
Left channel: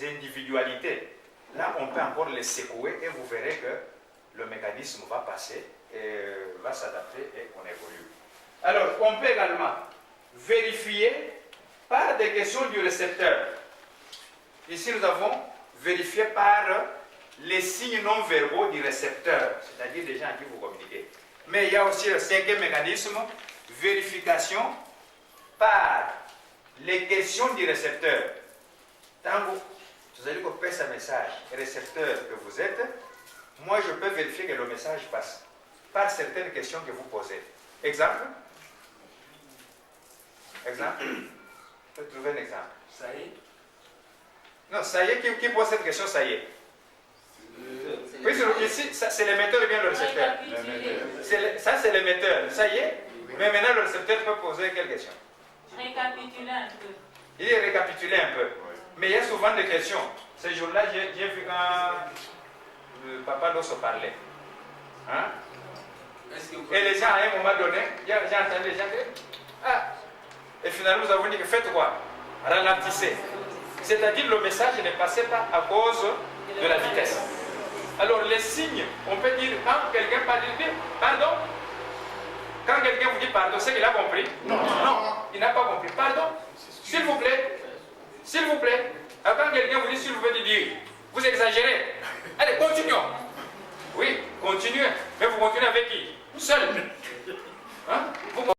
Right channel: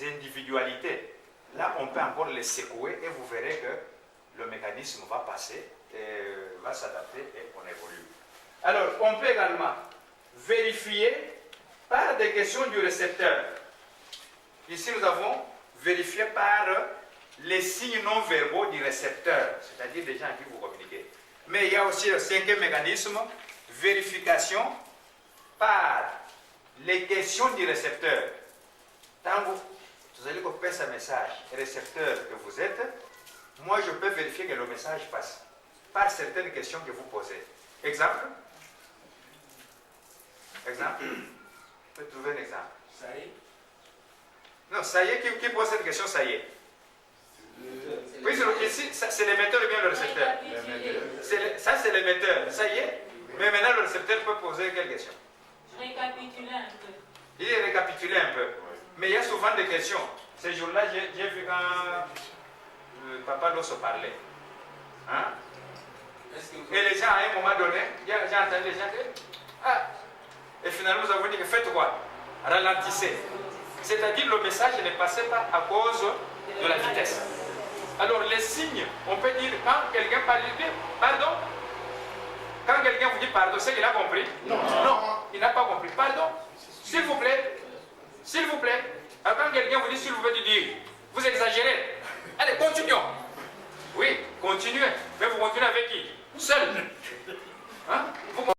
individualités. Là, on peut encore les secouer et vous verrez que le mécanisme va passer et va s'adapter et on évolue. Alors, on peut également vérifier par des questions du récepteur. Ici, nous avons vérifié par les signes non verbaux du récepteur, c'est-à-dire des gens à qui vous communiquez. Mais il y a aussi le cinquième mécanisme, vérification par les questions du récepteur. Tant vous allez copier ce message, récepteur que vous êtes, moi je peux vérifier que le message passe par certaines questions que vous posez. Exemple? Exemple? Je peux trouver un exemple. ça y est. Non, ça y est, qui pose cette question, ça y est. Oui, ici, c'est l'émetteur ou bien le récepteur? Ça, c'est l'émetteur. Ça y est. Mais maintenant, le récepteur peut poser quelle question? Récapituler un peu. Il est récapitulé un peu. Mais il y a souvent des questions. Ce jour-là, j'ai vu quand Papa Dosso parlait. Hein? Et les gens, à un moment donné, j'ai entendu les gens dire, ah, et finalement, nous avons dit que faites quoi? Ralentissez. C'est-à-dire le message ne passait pas à cause de la vitesse. Alors les signes, on peut dire, quand quelqu'un parle, dire pardon. Quand quelqu'un vous dit pardon, c'est qu'il a compris? Non, il n'a pas compris. Pardon, s'il vous plaît. S'il vous plaît. Alors quand quelqu'un vous dit s'il vous plaît, dire, vous exagérez. Allez, continuons. Oui, continuez. Mais vous continuez avec qui? Seul. Hein? Vous